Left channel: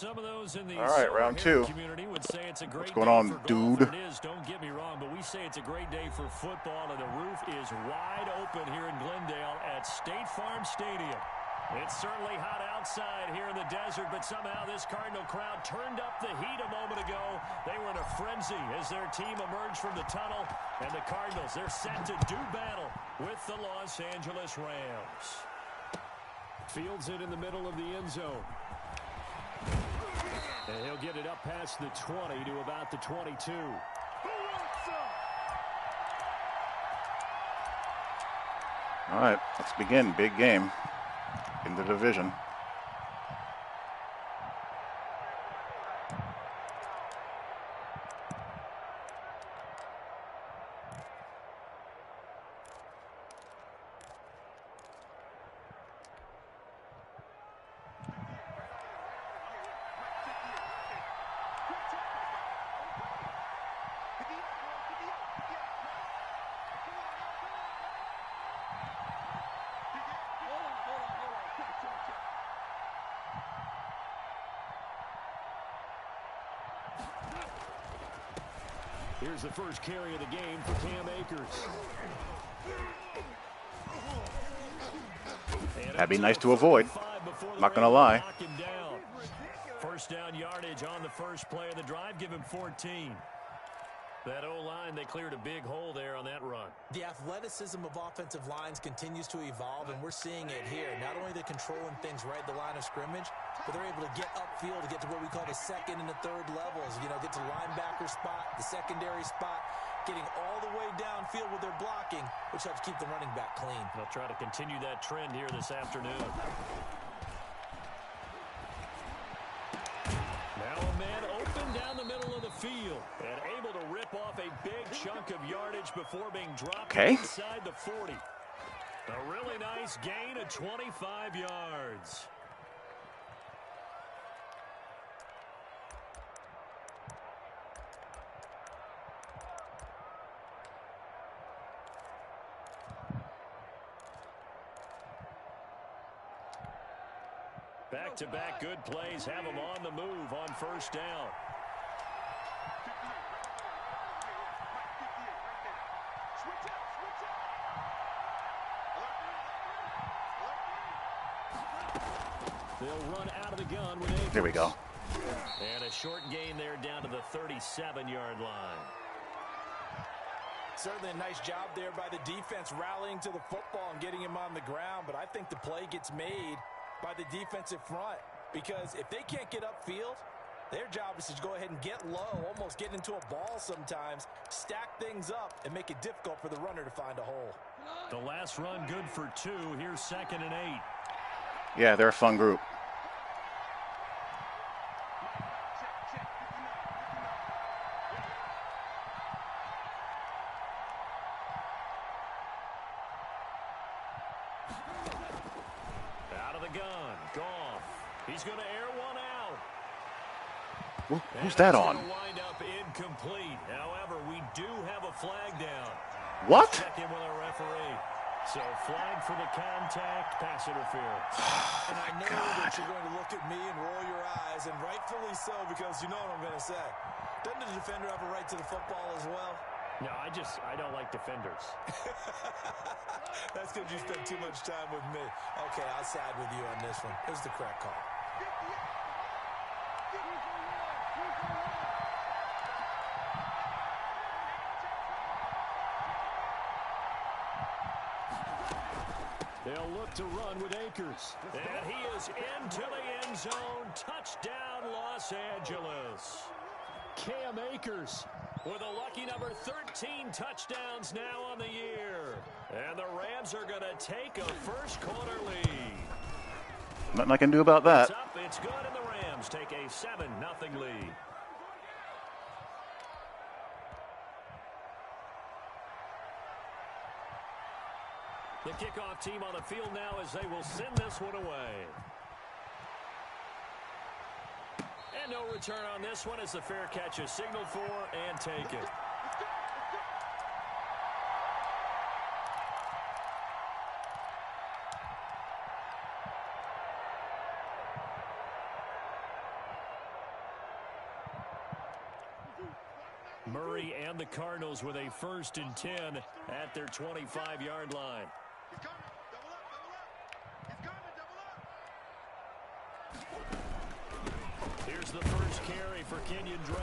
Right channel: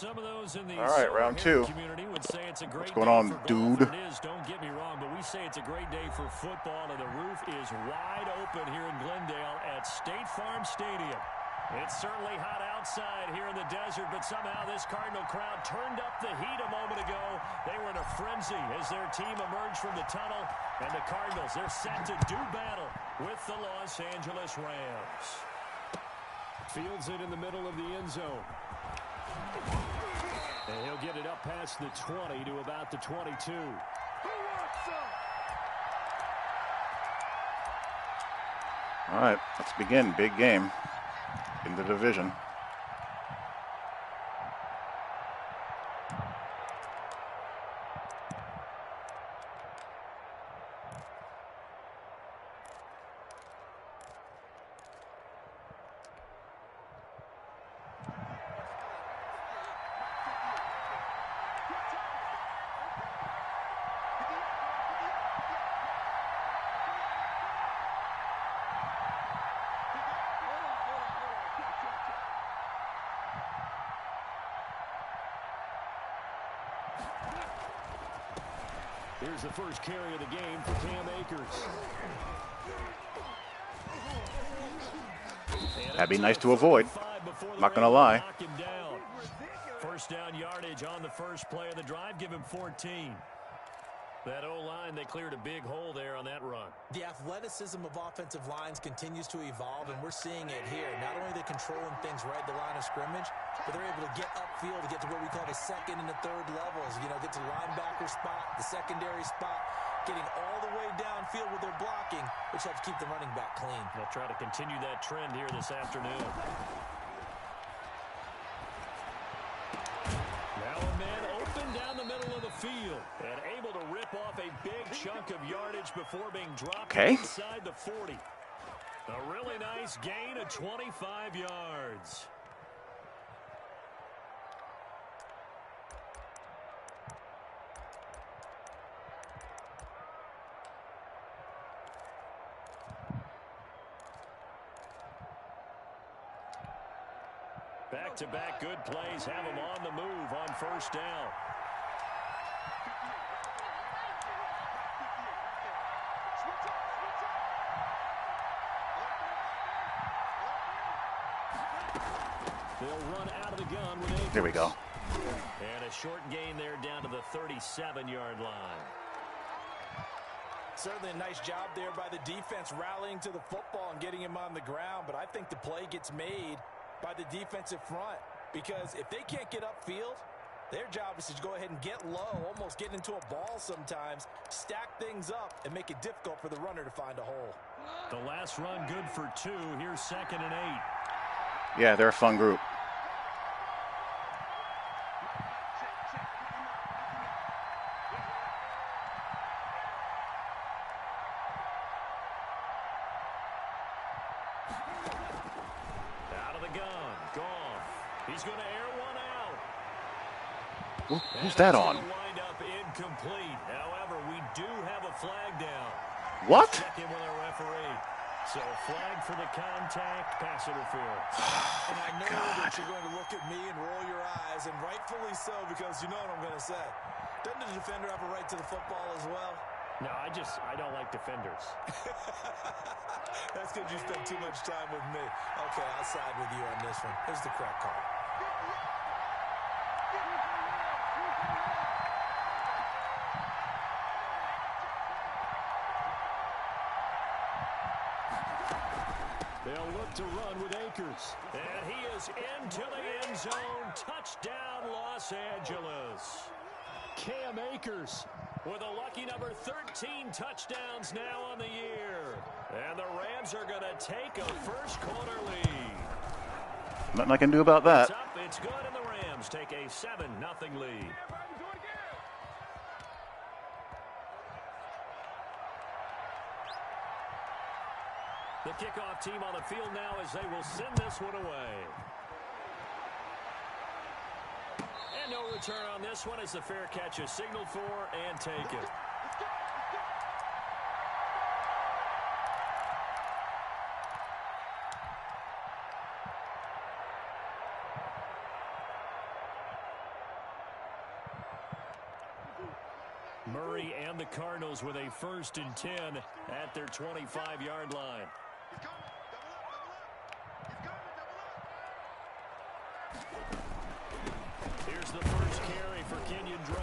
Some of those in the All right, round two. community would say it's a great What's going day on, for golf, dude? and it is, don't get me wrong, but we say it's a great day for football, and the roof is wide open here in Glendale at State Farm Stadium. It's certainly hot outside here in the desert, but somehow this Cardinal crowd turned up the heat a moment ago. They were in a frenzy as their team emerged from the tunnel, and the Cardinals, they're set to do battle with the Los Angeles Rams. Fields it in the middle of the end zone. And he'll get it up past the 20 to about the 22. All right, let's begin. Big game in the division. Here's the first carry of the game for Cam Akers. That'd be nice to avoid. Not going to lie. First down yardage on the first play of the drive. Give him 14. That O-line, they cleared a big hole there on that run. The athleticism of offensive lines continues to evolve, and we're seeing it here. Not only are they controlling things right at the line of scrimmage, but they're able to get upfield to get to what we call the second and the third levels. You know, get to linebacker spot, the secondary spot, getting all the way downfield with their blocking, which helps keep the running back clean. They'll try to continue that trend here this afternoon. Now a man open down the middle of the field and able to rip off a big chunk of yardage before being dropped inside the 40. A really nice gain of 25 yards. Back-to-back good plays have them on the move on first down. They'll run out of the gun with Akers. Here we go. And a short gain there down to the 37-yard line. Certainly a nice job there by the defense rallying to the football and getting him on the ground, but I think the play gets made by the defensive front, because if they can't get upfield, their job is to go ahead and get low, almost get into a ball sometimes, stack things up, and make it difficult for the runner to find a hole. The last run good for 2. Here's 2nd and 8. Yeah, they're a fun group. He's going to air one out. Who's that on? Wind up incomplete. However, we do have a flag down. What? Check in with our referee. So flag for the contact, pass interference. And I know that you're going to look at me and roll your eyes, and rightfully so, because you know what I'm going to say. Doesn't the defender have a right to the football as well? No, I don't like defenders. That's because you spend too much time with me. Okay, I'll side with you on this one. Here's the correct call. They'll look to run with Akers. And he is into the end zone. Touchdown, Los Angeles. Cam Akers with a lucky number 13 touchdowns now on the year. And the Rams are going to take a first quarter lead. Nothing I can do about that. It's up, it's good, and the Rams take a 7-0 lead. The kickoff team on the field now as they will send this one away. And no return on this one as the fair catch is signaled for and taken. Murray and the Cardinals with a 1st and 10 at their 25-yard line. Here's the first carry for Kenyon Drake.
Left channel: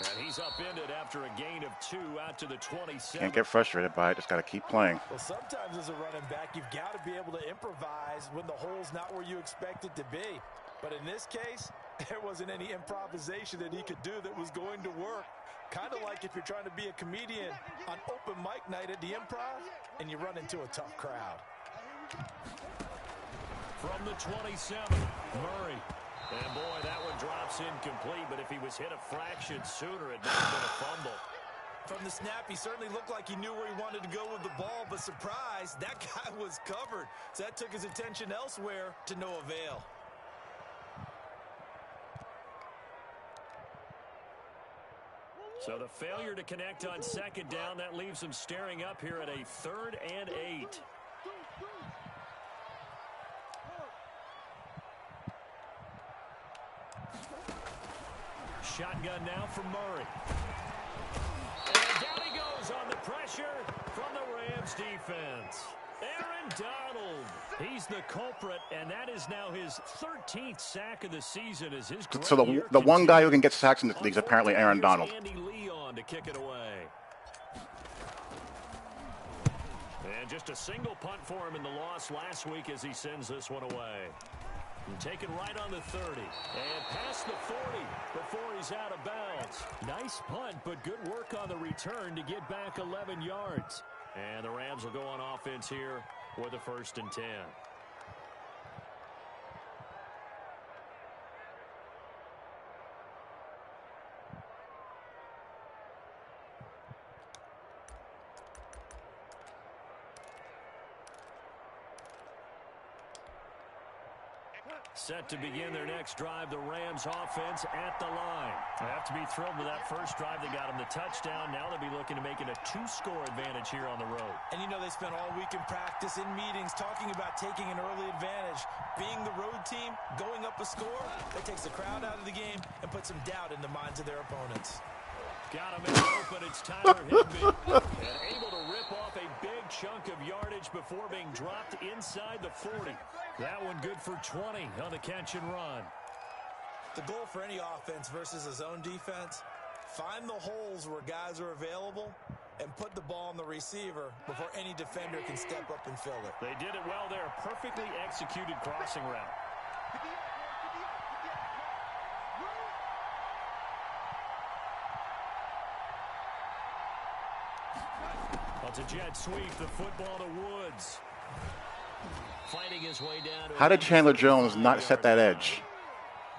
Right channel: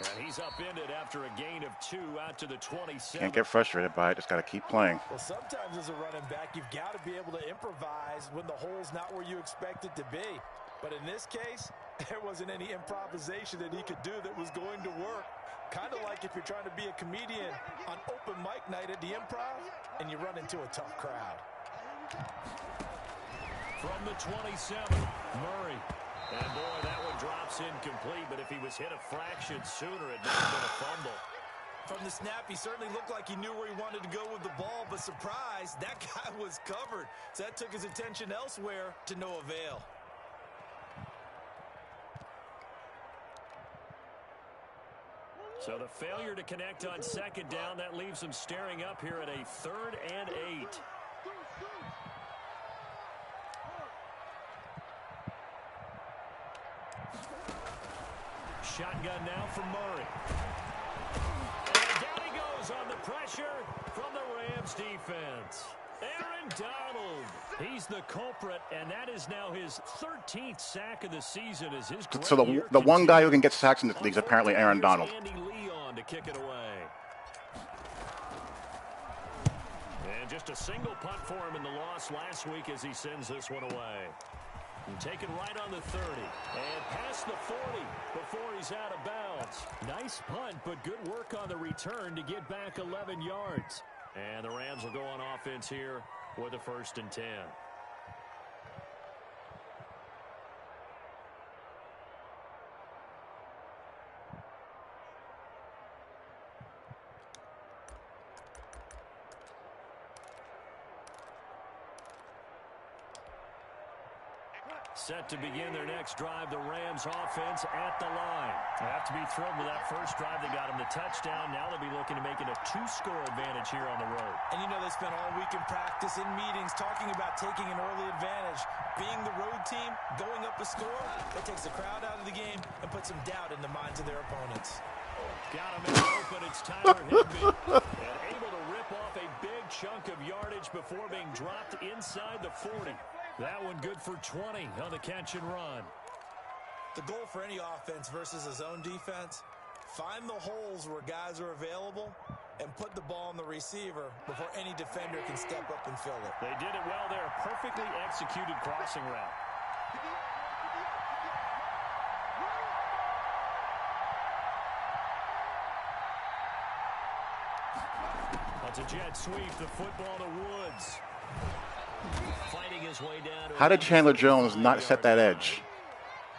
And he's upended after a gain of 2 out to the 27. Can't get frustrated by it. Just got to keep playing. Well, sometimes as a running back, you've got to be able to improvise when the hole's not where you expect it to be. But in this case, there wasn't any improvisation that he could do that was going to work. Kind of like if you're trying to be a comedian on open mic night at the Improv and you run into a tough crowd. From the 27, Murray. And boy, that one drops incomplete, but if he was hit a fraction sooner, it might have been a fumble. From the snap, he certainly looked like he knew where he wanted to go with the ball, but surprise, that guy was covered. So that took his attention elsewhere to no avail. So the failure to connect on 2nd down, that leaves him staring up here at a 3rd and 8. Shotgun now from Murray. And down he goes on the pressure from the Rams defense. Aaron Donald. He's the culprit, and that is now his 13th sack of the season. As his So the one guy who can get sacks in this league is apparently Aaron Donald. Andy Leon to kick it away. And just a single punt for him in the loss last week as he sends this one away. And taken right on the 30. And past the 40 before he's out of bounds. Nice punt, but good work on the return to get back 11 yards. And the Rams will go on offense here with a 1st and 10. Set to begin their next drive, the Rams offense at the line. They have to be thrilled with that first drive. They got him the touchdown. Now they'll be looking to make it a 2-score advantage here on the road. And you know they spent all week in practice, in meetings, talking about taking an early advantage. Being the road team, going up a score, that takes the crowd out of the game and puts some doubt in the minds of their opponents. Got him in open. It's Tyler Higbee. And able to rip off a big chunk of yardage before being dropped inside the 40. That one good for 20 on the catch and run. The goal for any offense versus a zone defense, find the holes where guys are available and put the ball on the receiver before any defender can step up and fill it. They did it well there. Perfectly executed crossing route. It's a jet sweep, the football to Woods. Fighting his way down. How did Chandler Jones not set that edge?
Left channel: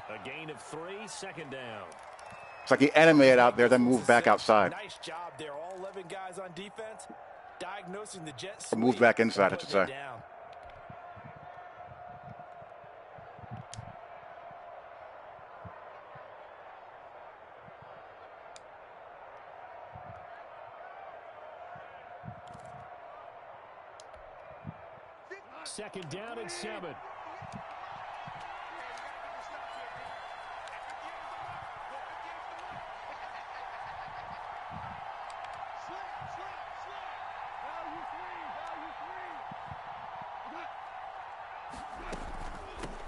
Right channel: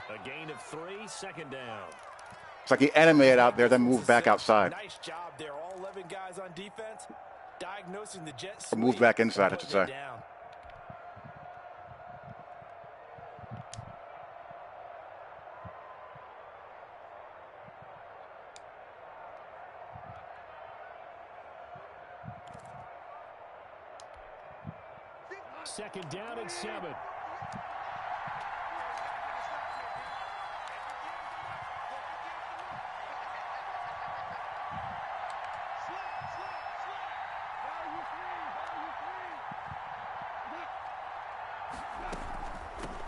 A gain of 3, 2nd down. It's like he animated out there, then moved back outside. Nice job there. All 11 guys on defense, diagnosing the jet sweep. Moved back inside, I should say. Second down and 7.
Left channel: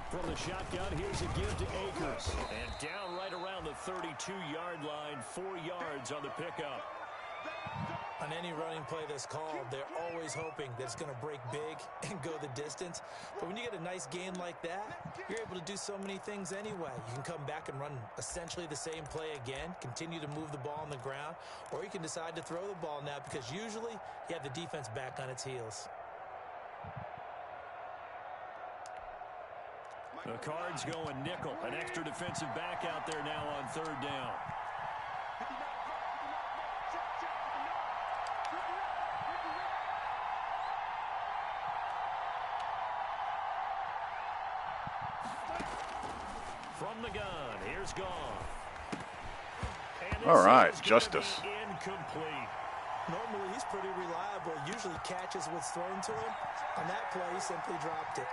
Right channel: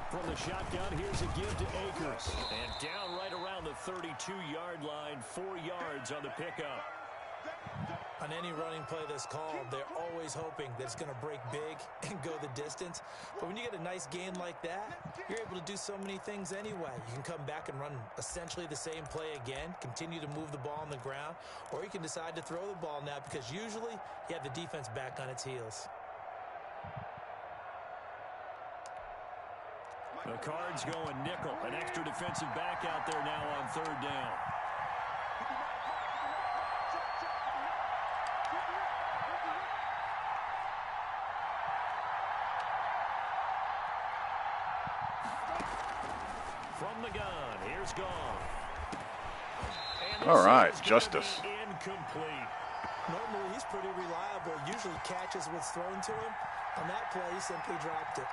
From the shotgun, here's a give to Akers. And down right around the 32-yard line, 4 yards on the pickup. On any running play that's called, they're always hoping that it's going to break big and go the distance. But when you get a nice gain like that, you're able to do so many things anyway. You can come back and run essentially the same play again, continue to move the ball on the ground, or you can decide to throw the ball now because usually you have the defense back on its heels. The Cards going nickel. An extra defensive back out there now on 3rd down. From the gun, here's Gone. All right, Justice. Incomplete. Normally, he's pretty reliable. Usually catches what's thrown to him. On that play, he simply dropped it.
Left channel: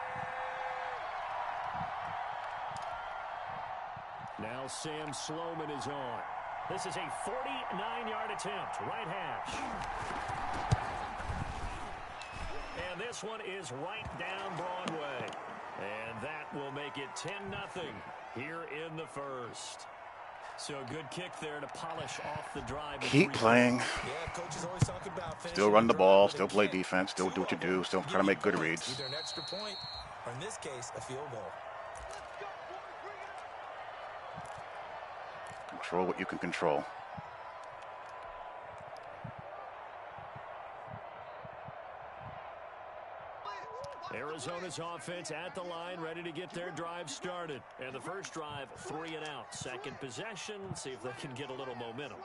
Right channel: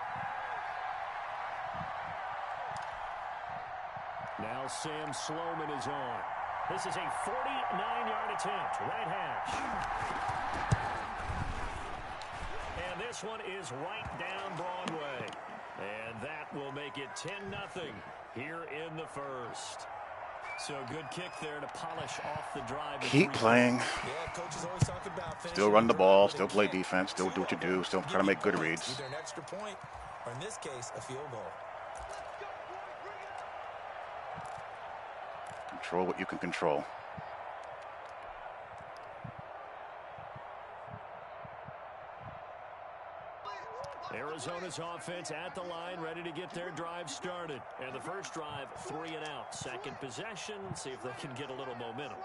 Now Sam Sloman is on. This is a 49-yard attempt, right hash. And this one is right down Broadway. And that will make it 10-0 here in the first. So a good kick there to polish off the drive. Keep playing. Yeah, coaches always talk about still run the ball, still play defense, still do what you do, still try to make good reads. Either an extra point, or in this case, a field goal. Control what you can control. Arizona's offense at the line, ready to get their drive started. And the first drive, 3 and out. Second possession, see if they can get a little momentum.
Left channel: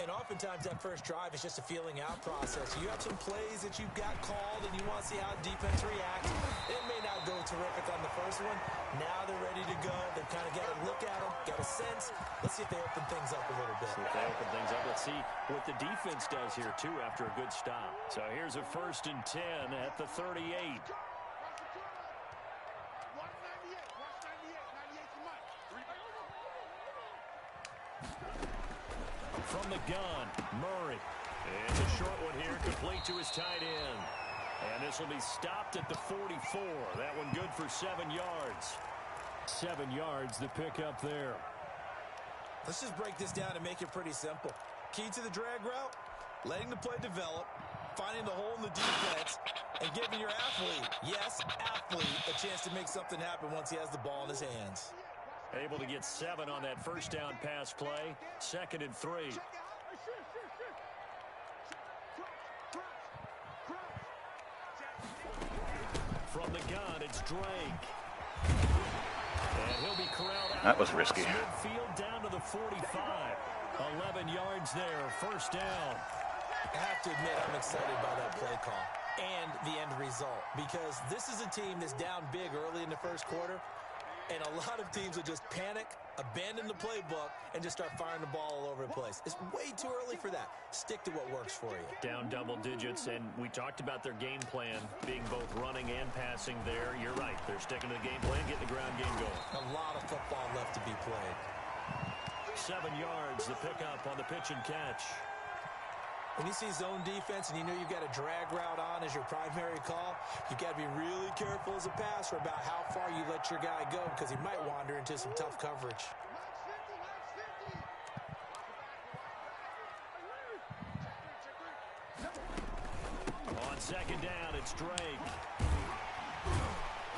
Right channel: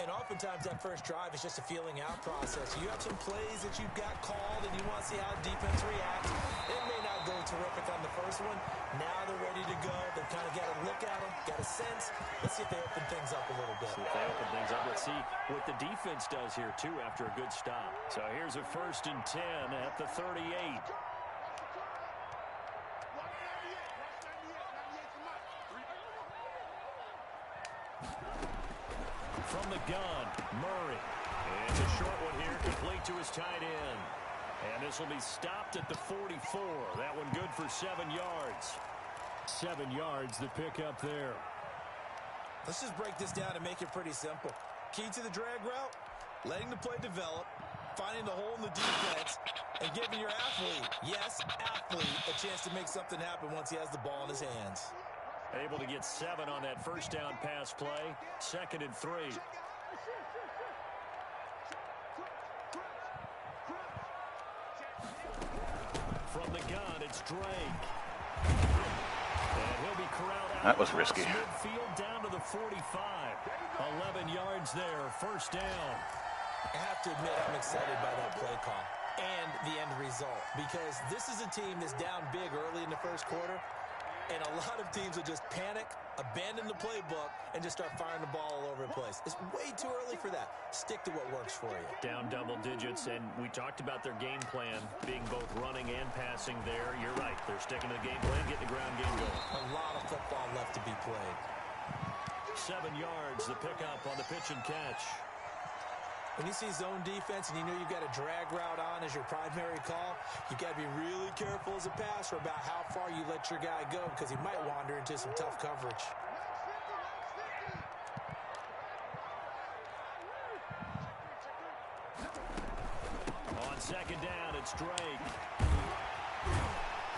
And oftentimes that first drive is just a feeling out process. You have some plays that you've got called and you want to see how defense reacts. It may not go terrific on the first one. Now they're ready to go. They've kind of got to look at them, got a sense. Let's see if they open things up a little bit. See if they open things up. Let's see what the defense does here, too, after a good stop. So here's a 1st and 10 at the 38. From the gun, Murray. And a short one here, complete to his tight end. And this will be stopped at the 44. That one good for 7 yards. 7 yards, the pickup there. Let's just break this down and make it pretty simple. Key to the drag route, letting the play develop, finding the hole in the defense, and giving your athlete, yes, athlete, a chance to make something happen once he has the ball in his hands. Able to get 7 on that first down pass play. 2nd and 3. From the gun, it's Drake. And he'll be corralled out. That was risky. Midfield down to the 45. 11 yards there, first down. I have to admit I'm excited by that play call and the end result, because this is a team that's down big early in the first quarter. And a lot of teams will just panic, abandon the playbook, and just start firing the ball all over the place. It's way too early for that. Stick to what works for you. Down double digits, and we talked about their game plan being both running and passing there. You're right. They're sticking to the game plan, getting the ground game going. A lot of football left to be played. 7 yards, the pickup on the pitch and catch. When you see zone defense and you know you've got a drag route on as your primary call, you've got to be really careful as a passer about how far you let your guy go, because he might wander into some tough coverage. On 2nd down, it's Drake.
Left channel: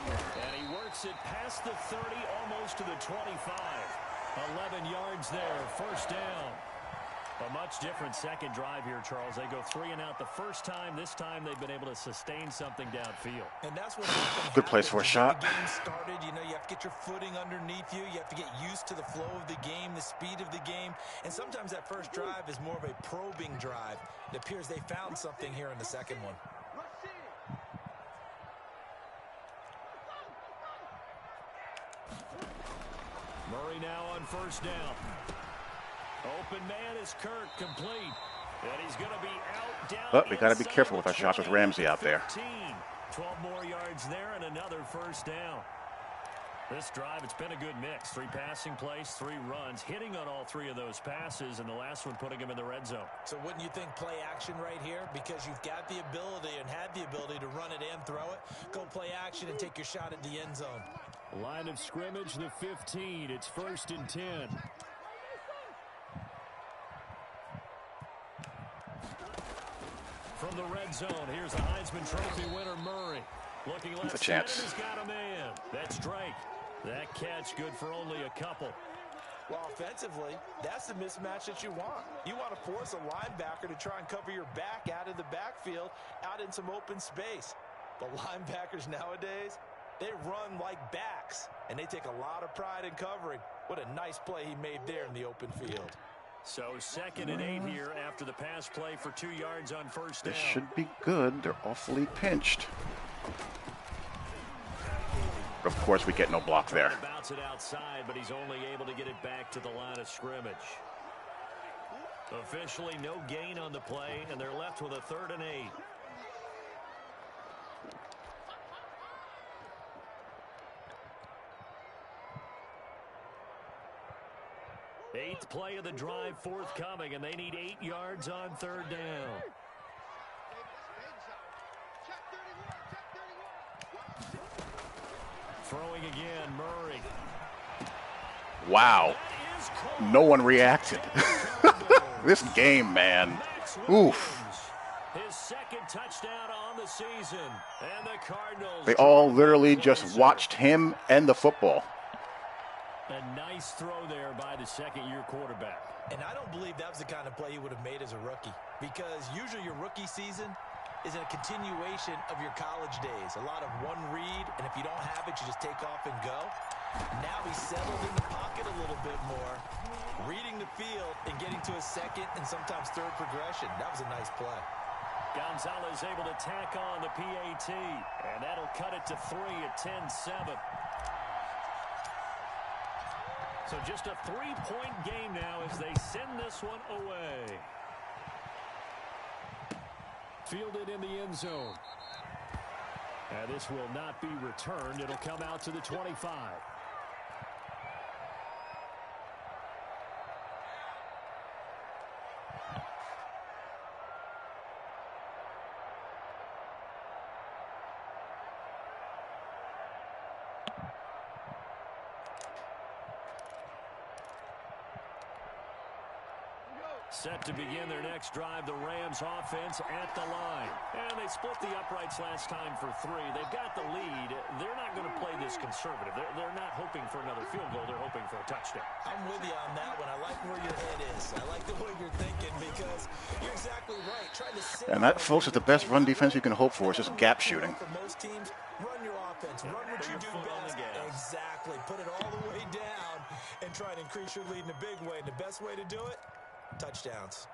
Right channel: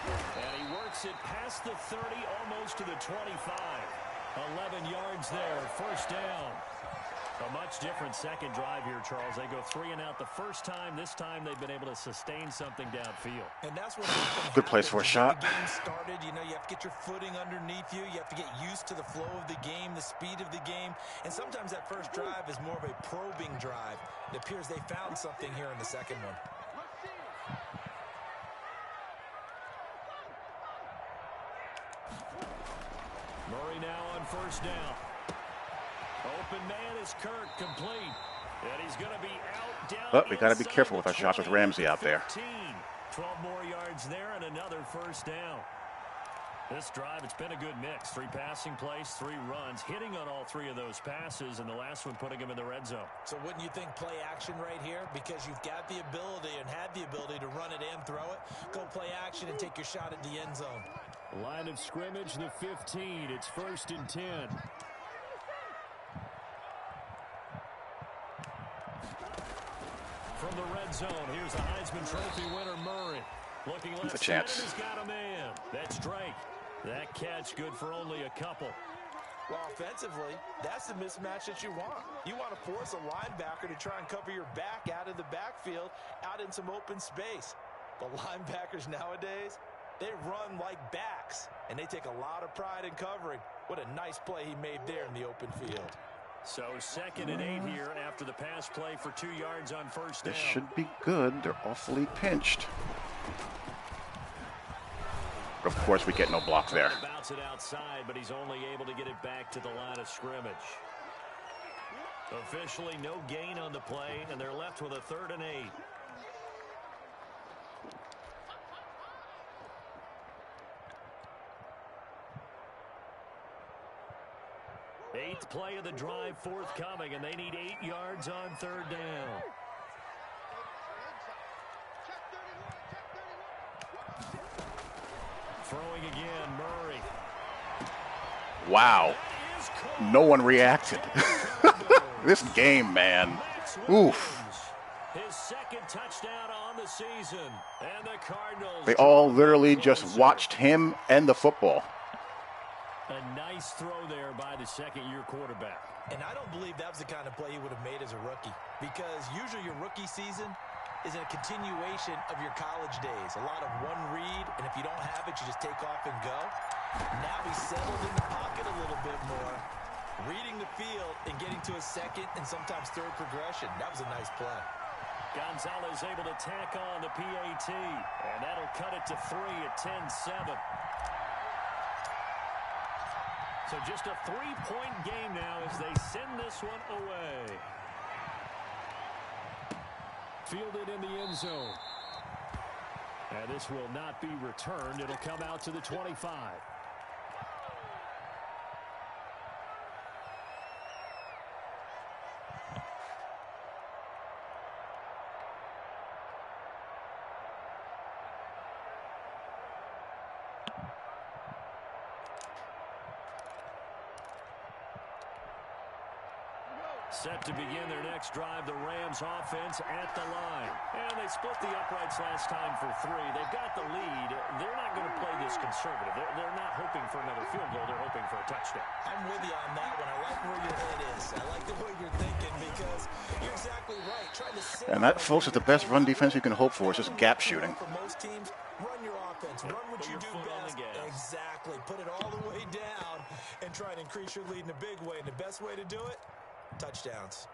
And he works it past the 30, almost to the 25. 11 yards there, first down. A much different second drive here, Charles. They go 3 and out the first time. This time they've been able to sustain something downfield. And that's what good place for a shot. The game started, you know, you have to get your footing underneath you. You have to get used to the flow of the game, the speed of the game. And sometimes that first drive is more of a probing drive. It appears they found something here in the second one. Murray now on first down. Open man is Kirk, complete. And he's going to be out down. But we got to be careful with our shots with Ramsey out there. 12 more yards there and another first down. This drive, it's been a good mix. 3 passing plays, 3 runs, hitting on all 3 of those passes, and the last one putting him in the red zone. So wouldn't you think play action right here? Because you've got the ability and had the ability to run it and throw it. Go play action and take your shot at the end zone. Line of scrimmage, the 15. It's 1st and 10. From the red zone, here's the Heisman Trophy winner, Murray. Looking left, a chance. He's got a man. That's Drake. That catch good for only a couple. Well, offensively, that's the mismatch that you want. You want to force a linebacker to try and cover your back out of the backfield, out in some open space. But linebackers nowadays, they run like backs, and they take a lot of pride in covering. What a nice play he made there in the open field. So 2nd and 8 here after the pass play for 2 yards on first down. This should be good. They're awfully pinched. But of course, we get no block there. Bounce it outside, but he's only able to get it back to the line of scrimmage. Officially, no gain on the play, and they're left with a 3rd and 8. Fifth play of the drive forthcoming, and they need 8 yards on third down. Throwing again, Murray. Wow. No one reacted. This game, man. Oof. His second touchdown on the season. And the Cardinals. They all literally just watched him and the football. A nice throw there by the second-year quarterback. And I don't believe that was the kind of play he would have made as a rookie, because usually your rookie season is a continuation of your college days. A lot of one read, and if you don't have it, you just take off and go. Now he's settled in the pocket a little bit more, reading the field and getting to a second and sometimes third progression. That was a nice play. Gonzalez able to tack on the PAT, and that'll cut it to 3 at 10-7. So just a 3-point game now as they send this one away. Fielded in the end zone. And this will not be returned. It'll come out to the 25. Set to begin their next drive, the Rams offense at the line. And they split the uprights last time for 3. They've got the lead. They're not going to play this conservative. They're not hoping for another field goal. They're hoping for a touchdown. I'm with you on that one. I like where your head is. I like the way you're thinking, because you're exactly right. Trying to sit And that, folks, is the best run defense you can hope for. It's just gap shooting. For most teams, run your offense. Run what you do best. Exactly. Put it all the way down and try and increase your lead in a big way. And the best way to do it, touchdowns.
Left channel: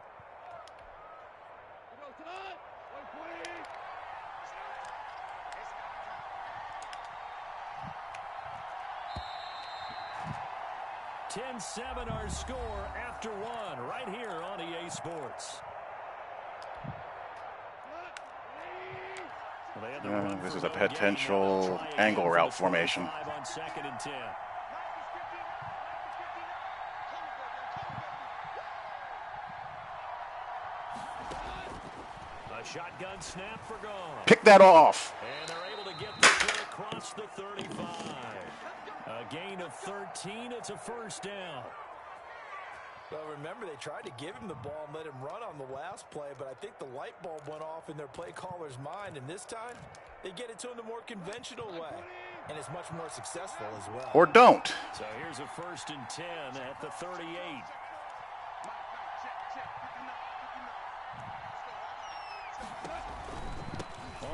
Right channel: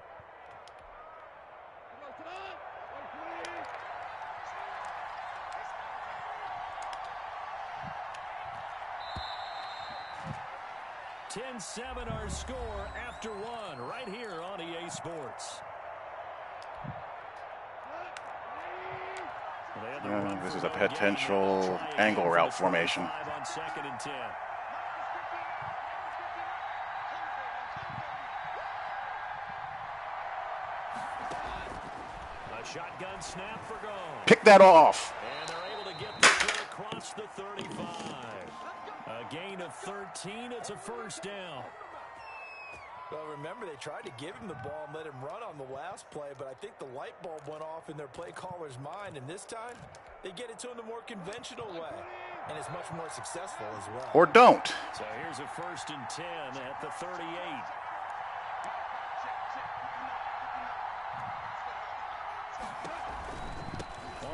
10-7 our score after 1 right here on EA Sports. This is a potential angle route formation. On 2nd and 10. A shotgun snap for Gone. Pick that off. And they're able to get the clear across the 35. A gain of 13. It's a first down. Well, remember, they tried to give him the ball and let him run on the last play, but I think the light bulb went off in their play caller's mind, and this time they get it to him the more conventional way, and it's much more successful as well. Or don't. So here's a 1st and 10 at the 38.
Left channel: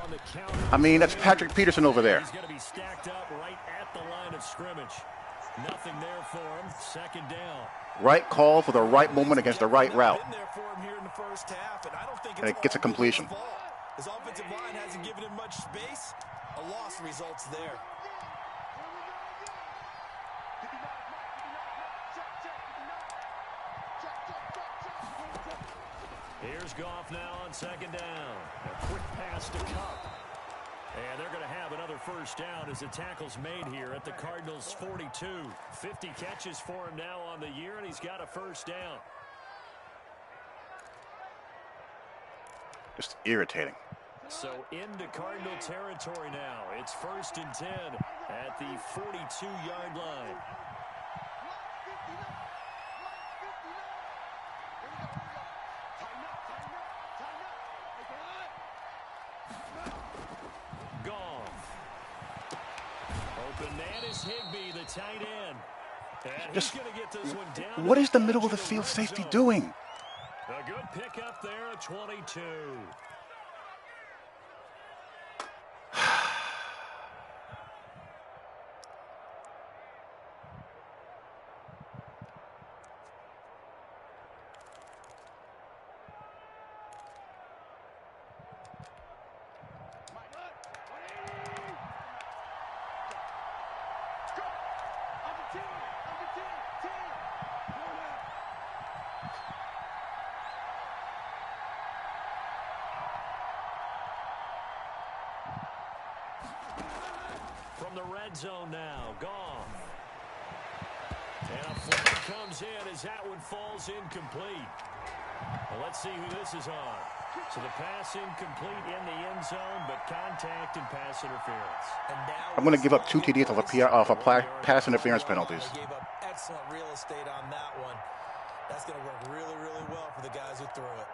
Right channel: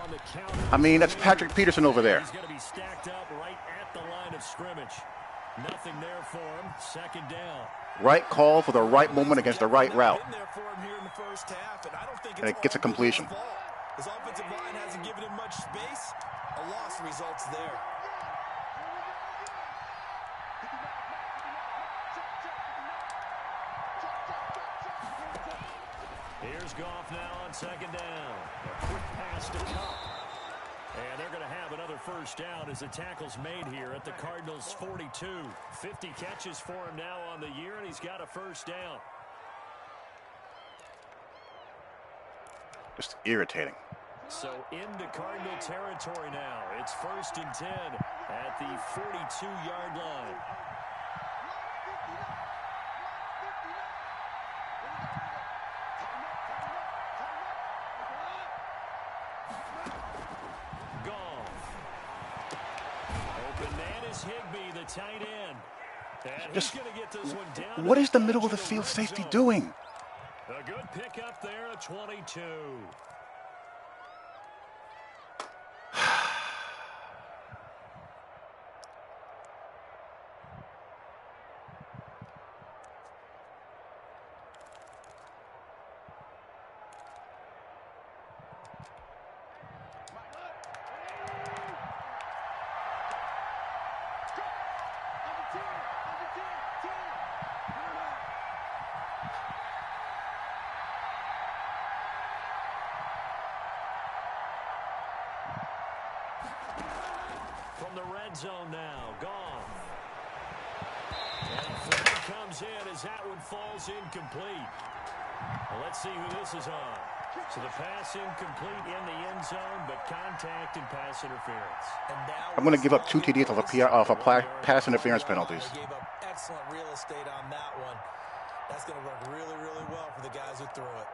On the counter. I mean, that's Patrick Peterson over there. He's going to be stacked up right at the line of scrimmage. Nothing there for him. 2nd down. Right call for the right moment against the right route. And it gets a completion. His offensive line hasn't given him much space. A loss results there. Here's Goff now on 2nd down. A quick pass to Cup. And they're going to have another first down as the tackle's made here at the Cardinals' 42. 50 catches for him now on the year, and he's got a first down. Just irritating. So into Cardinal territory now. It's 1st and 10 at the 42-yard line. Higbee, the tight end. And he's going to get this one down. What is the middle of the field safety doing? A good pickup there at 22. From the red zone now, Goff. And a flag comes in as that one falls incomplete. Well, let's see who this is on. So the pass incomplete in the end zone, but contact and pass interference. I'm going to give up 2 TDs off of pass interference penalties. They gave up excellent real estate on that one. That's going to work really, really well for the guys who threw it.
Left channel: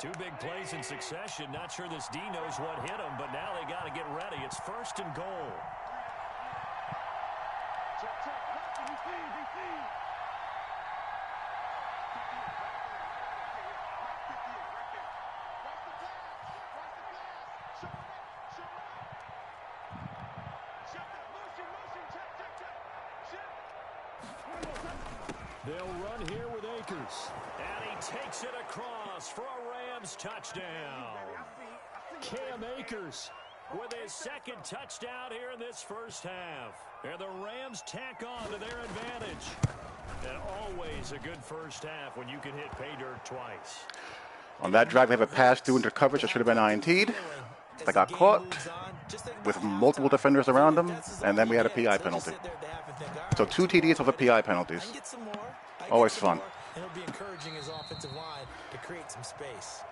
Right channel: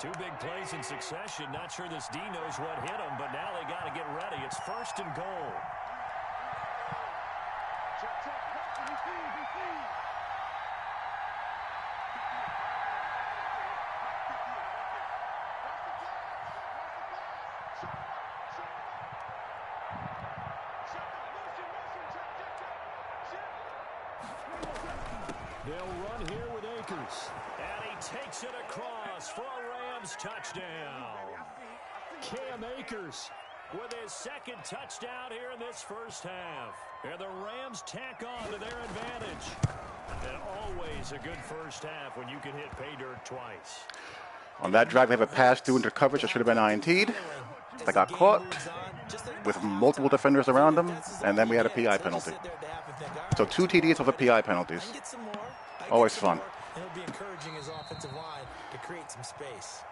2 big plays in succession. Not sure this D knows what hit him, but now they got to get ready. It's 1st and goal. They'll run here with Akers. And he takes it across for a Rams touchdown. Cam Akers with his 2nd touchdown here in this first half. And the Rams tack on to their advantage. And always a good first half when you can hit pay dirt twice. On that drive, they have a pass through into coverage that should have been INT'd. They got caught with multiple defenders around them, and then we had a PI penalty. So 2 TDs over PI penalties. Always fun. And it'll be encouraging his offensive line to create some space.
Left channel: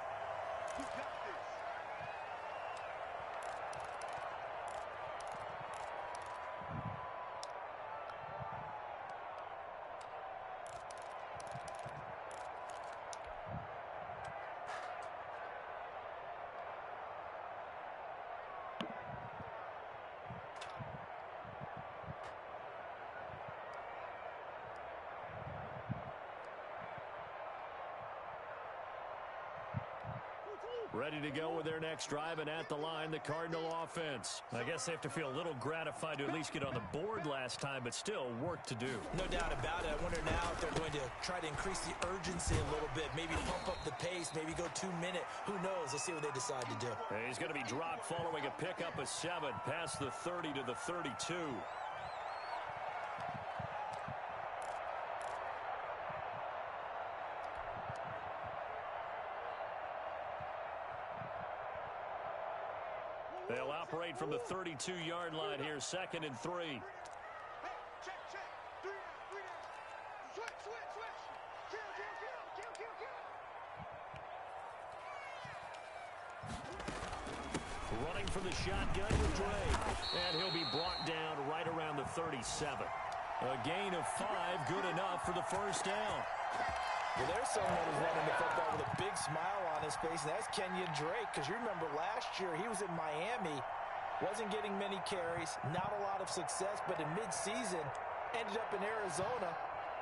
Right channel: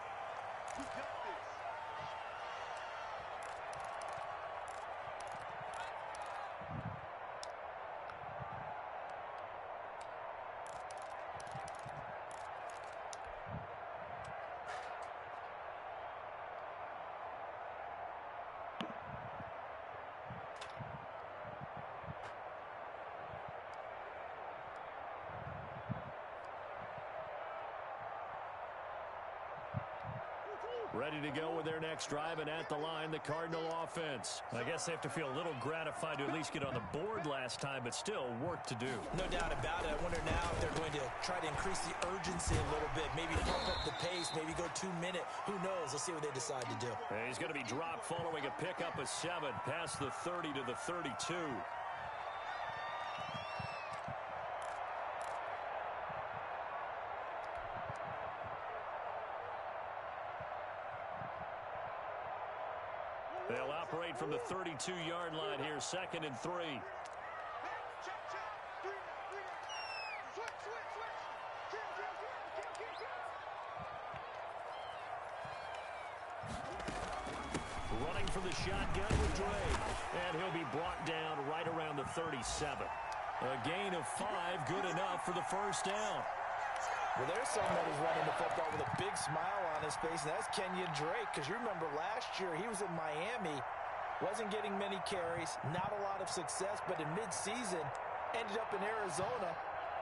Ready to go with their next drive, and at the line, the Cardinal offense. I guess they have to feel a little gratified to at least get on the board last time, but still work to do. No doubt about it. I wonder now if they're going to try to increase the urgency a little bit, maybe pump up the pace, maybe go 2-minute. Who knows? Let's see what they decide to do. And he's going to be dropped following a pickup of 7 past the 30 to the 32. They'll operate from the 32-yard line here, 2nd and 3. Running for the shotgun with Dre. And he'll be brought down right around the 37. A gain of 5, good enough for the first down. Well, there's someone who's running the football with a big smile on his face, and that's Kenyon Drake, because you remember last year he was in Miami, wasn't getting many carries, not a lot of success, but in midseason ended up in Arizona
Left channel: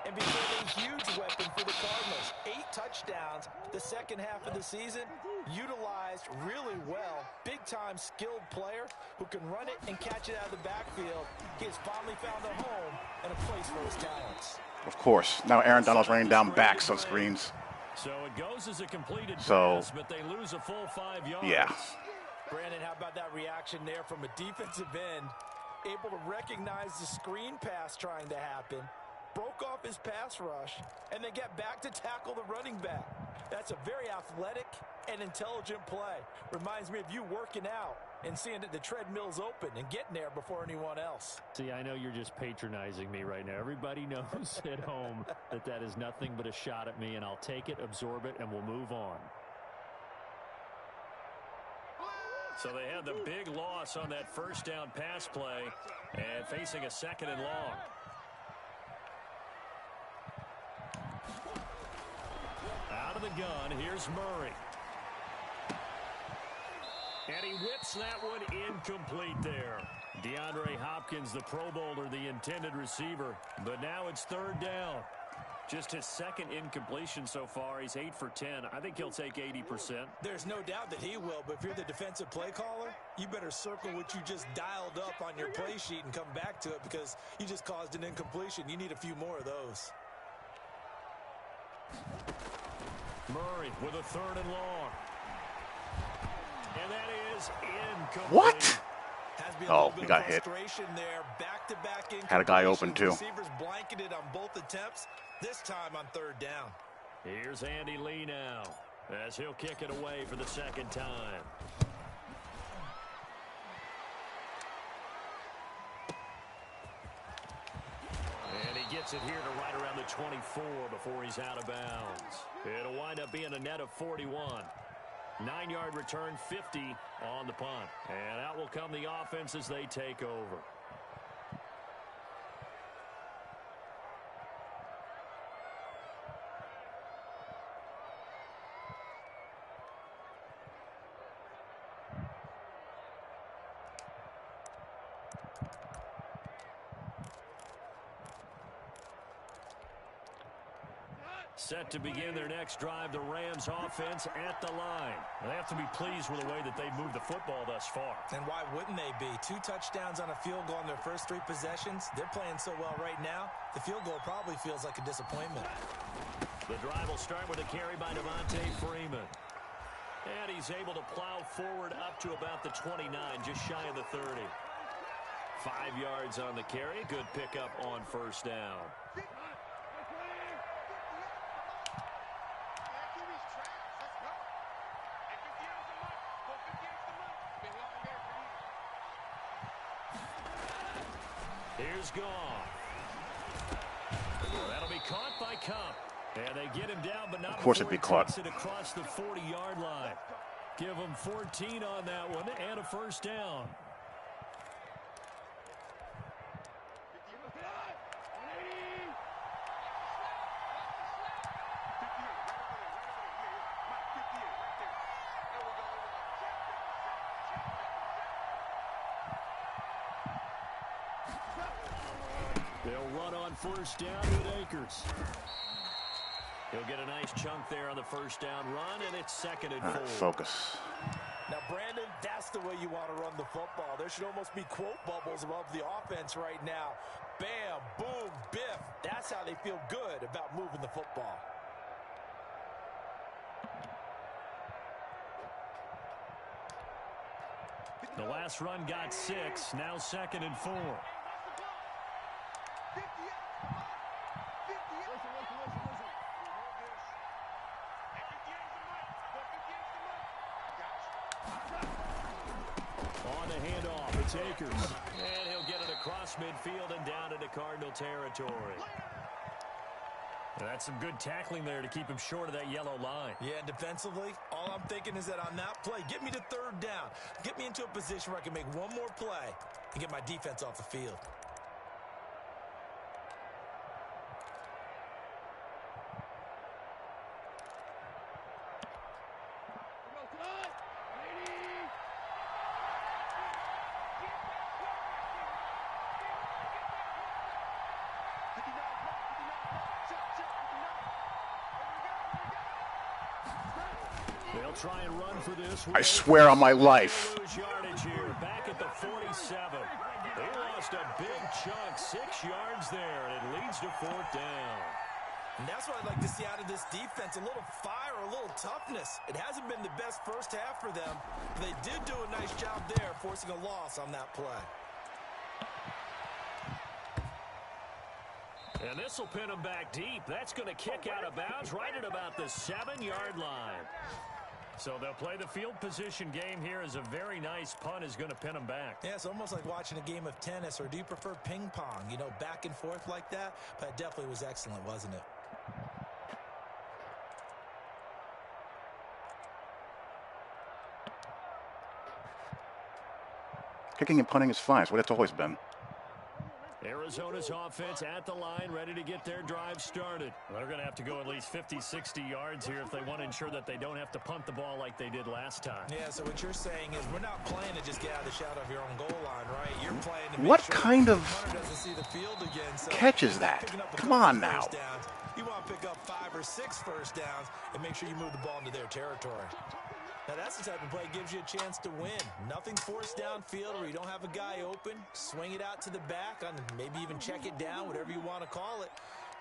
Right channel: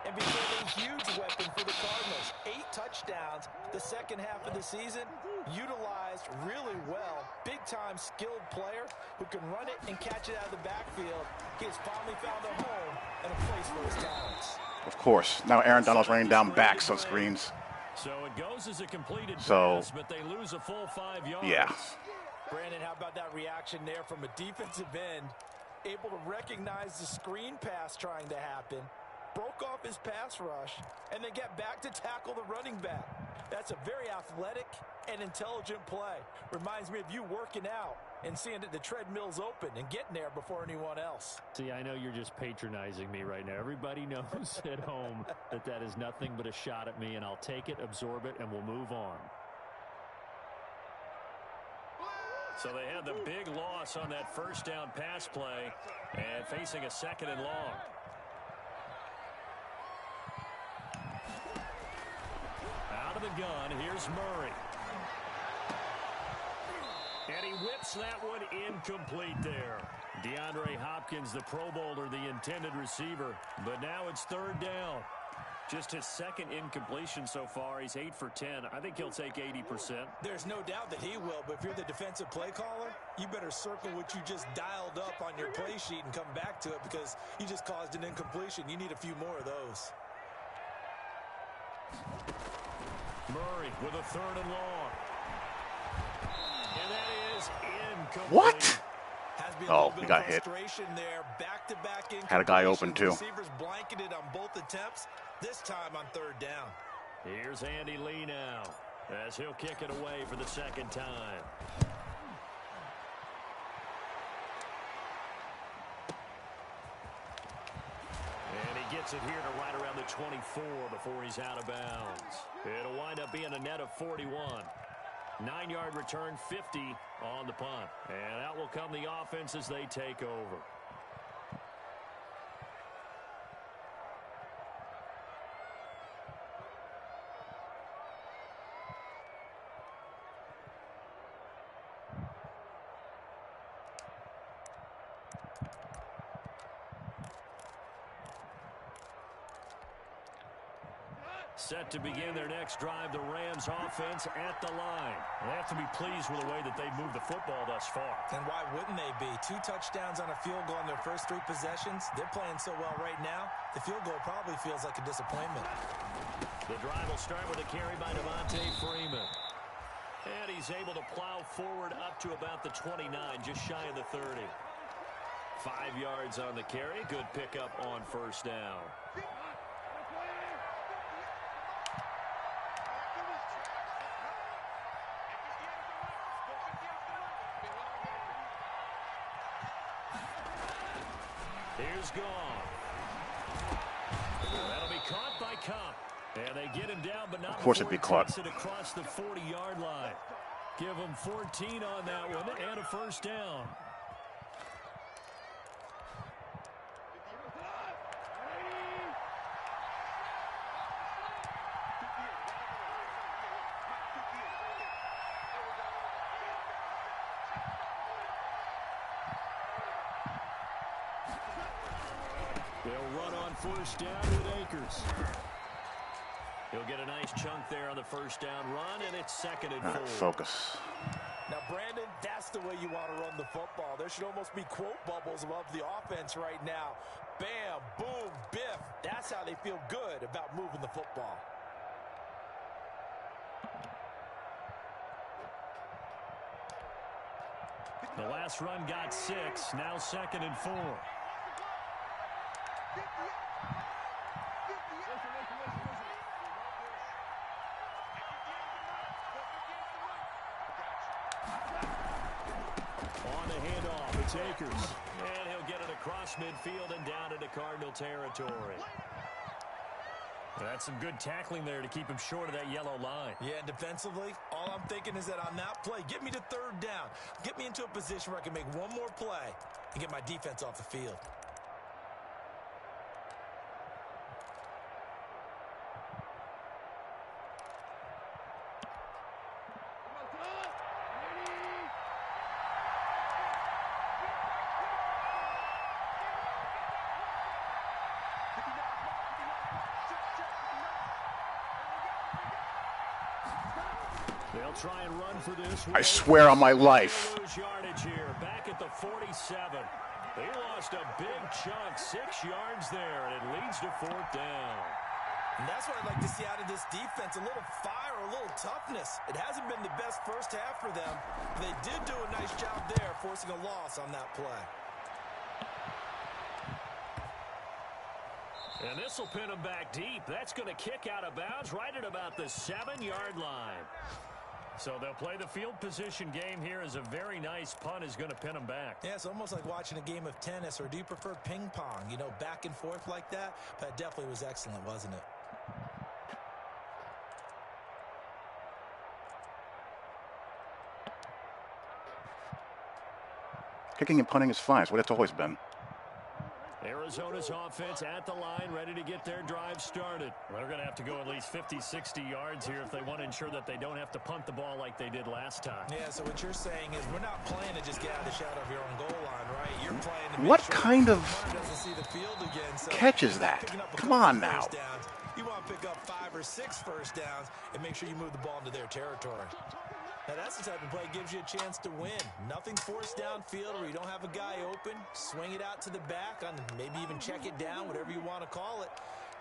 and became a huge weapon for the Cardinals. 8 touchdowns the second half of the season, utilized really well. Big-time skilled player who can run it and catch it out of the backfield. He has finally found a home and a place for his talents. Of course. Now Aaron Donald's running down backs on screens. So it goes as a completed pass, but they lose a full 5 yards. Yeah. Brandon, how about that reaction there from a defensive end? Able to recognize the screen pass trying to happen, broke off his pass rush, and then get back to tackle the running back. That's a very athletic and intelligent play. Reminds me of you working out and seeing that the treadmill's open and getting there before anyone else. See, I know you're just patronizing me right now. Everybody knows at home that that is nothing but a shot at me, and I'll take it, absorb it, and we'll move on. So they had the big loss on that first down pass play and facing a 2nd and long. Out of the gun, here's Murray. And he whips that one incomplete there. DeAndre Hopkins, the Pro Bowler, the intended receiver. But now it's 3rd down. Just his 2nd incompletion so far. He's 8 for 10. I think he'll take 80%. There's no doubt that he will, but if you're the defensive play caller, you better circle what you just dialed up on your play sheet and come back to it, because you just caused an incompletion. You need a few more of those. Murray with a 3rd and long. And that is incomplete. What? Oh, he got hit. There. Back-to-back had a guy open too. Receivers blanketed on both attempts, this time on 3rd down. Here's Andy Lee now, as he'll kick it away for the 2nd time. Gets it here to right around the 24 before he's out of bounds. It'll wind up being a net of 41. 9-yard return, 50 on the punt. And out will come the offense as they take over. Set to begin their next drive, the Rams offense at the line. They have to be pleased with the way that they've moved the football thus far. And why wouldn't they be? 2 touchdowns on a field goal in their first 3 possessions. They're playing so well right now, the field goal probably feels like a disappointment. The drive will start with a carry by Devontae Freeman. And he's able to plow forward up to about the 29, just shy of the 30. 5 yards on the carry. Good pickup on first down. Here's Goff. That'll be caught by Cup. And they get him down, but not of course it'd be caught. It across the 40-yard line. Give him 14 on that one and a first down. They'll run on first down with Akers. He'll get a nice chunk there on the first down run, and it's 2nd and 4. Focus. Now, Brandon, that's the way you want to run the football. There should almost be quote bubbles above the offense right now. Bam, boom, biff. That's how they feel good about moving the football. The last run got 6, now 2nd and 4. On the handoff, it's Akers. And he'll get it across midfield and down into Cardinal territory. That's some good tackling there to keep him short of that yellow line. Yeah, defensively, all I'm thinking is that on that play, get me to 3rd down. Get me into a position where I can make one more play and get my defense off the field. They'll try and run for this. I swear on my life. Yardage here, back at the 47. They lost a big chunk, 6 yards there, and it leads to 4th down. And that's what I'd like to see out of this defense, a little fire, a little toughness. It hasn't been the best first half for them. But they did do a nice job there, forcing a loss on that play. And this will pin them back deep. That's going to kick out of bounds right at about the 7-yard line. So they'll play the field position game here as a very nice punt is going to pin them back. Yeah, it's almost like watching a game of tennis, or do you prefer ping pong? You know, back and forth like that? But it definitely was excellent, wasn't it? Kicking and punting is fine. It's what it's always been. Arizona's offense at the line, ready to get their drive started. Well, they're going to have to go at least 50, 60 yards here if they want to ensure that they don't have to punt the ball like they did last time. Yeah, so what you're saying is we're not playing to just get out of the shadow of your own goal line, right? You're playing to what make sure kind of doesn't see the field again, so catch is that? Come on now. You want to pick up 5 or 6 first downs and make sure you move the ball into their territory. Now, that's the type of play that gives you a chance to win. Nothing forced downfield where you don't have a guy open. Swing it out to the back, on maybe even check it down, whatever you want to call it.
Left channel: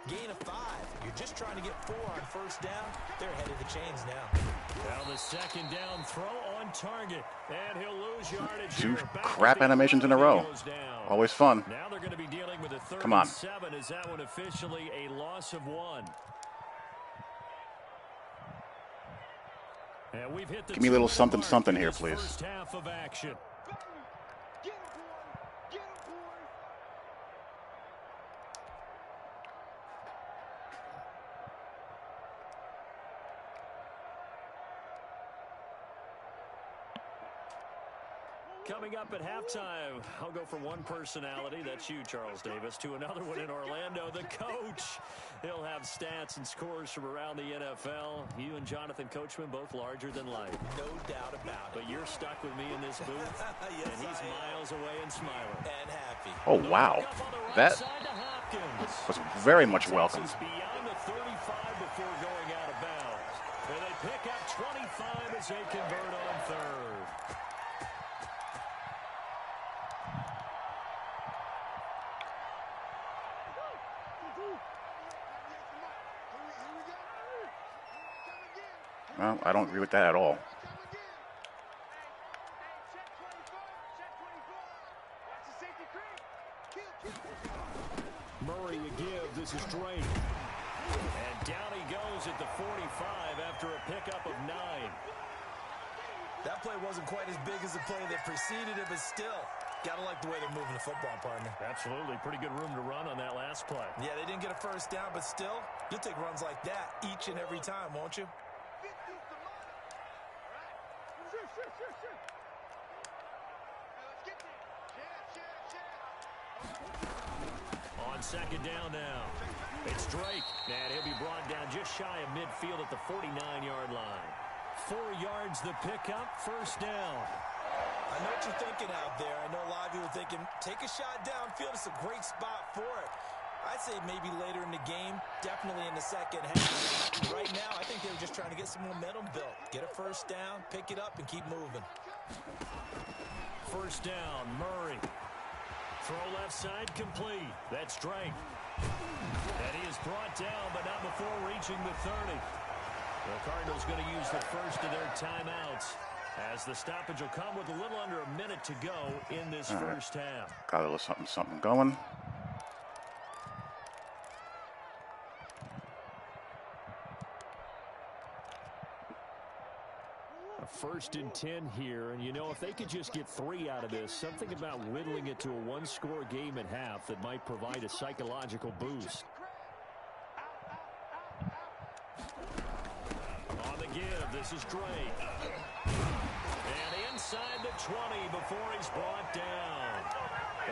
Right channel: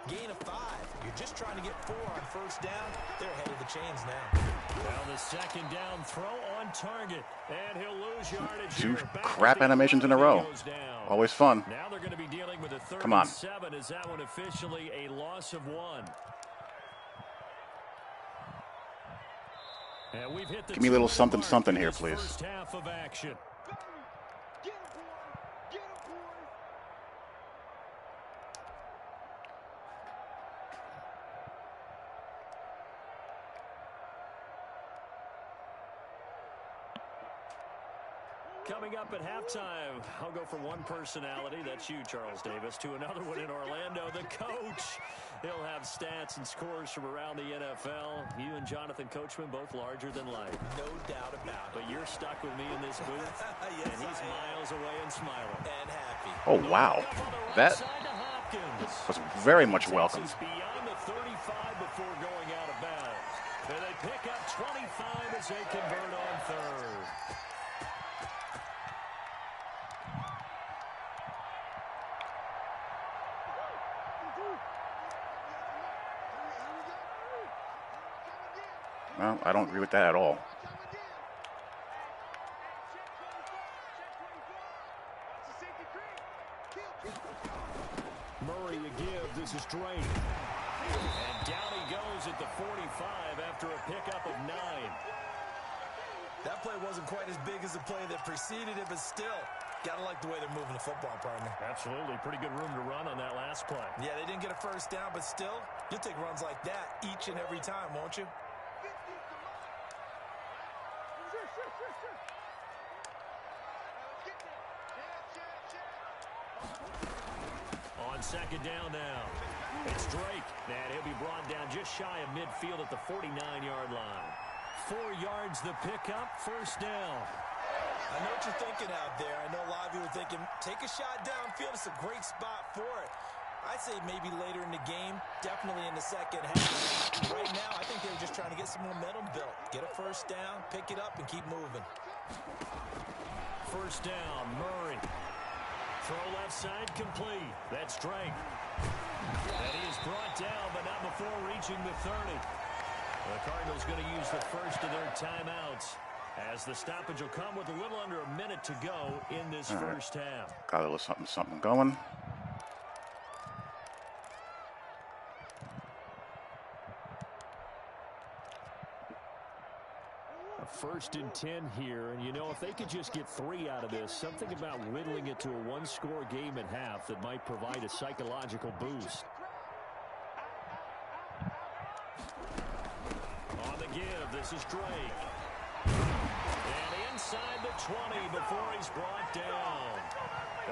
Gain of 5. You're just trying to get 4 on first down. They're ahead of the chains now. Now the 2nd down throw on target. And he'll lose yardage. 2 crap animations in a row. Always fun. Now they're going to be dealing with a 3rd Come on. and 7. Is that one officially a loss of 1? And we've hit the Give me a little something something here, please. First half of action. Coming up at halftime, I'll go from one personality, that's you, Charles Davis, to another one in Orlando, the coach. He'll have stats and scores from around the NFL. You and Jonathan Coachman both larger than life. No doubt about it. But you're stuck with me in this booth, yes, and he's miles away and smiling. And happy. Oh, wow. That was very much welcome. Beyond the 35 before going out of bounds. And they pick up 25 as they convert on third. Well, I don't agree with that at all. Murray a give. This is Drake. And down he goes at the 45 after a pickup of 9. That play wasn't quite as big as the play that preceded it, but still, gotta like the way they're moving the football, partner. Absolutely. Pretty good room to run on that last play. Yeah, they didn't get a first down, but still, you'll take runs like that each and every time, won't you? On second down now, it's Drake, and he'll be brought down just shy of midfield at the 49-yard line. 4 yards the pickup, first down. I know what you're thinking out there. I know a lot of you are thinking, take a shot downfield. It's a great spot for it. I'd say maybe later in the game, definitely in the second half. Right now, I think they were just trying to get some momentum built. Get a first down, pick it up, and keep moving. First down, Murray. Throw left side complete. That's Drake. And he is brought down, but not before reaching the 30. The Cardinals going to use the first of their timeouts, as the stoppage will come with a little under a minute to go in this first half. Got a little something going. First and 10 here, and you know, if they could just get 3 out of this, something about whittling it to a one-score game at half that might provide a psychological boost. On the give, this is Drake. And inside the 20 before he's brought down.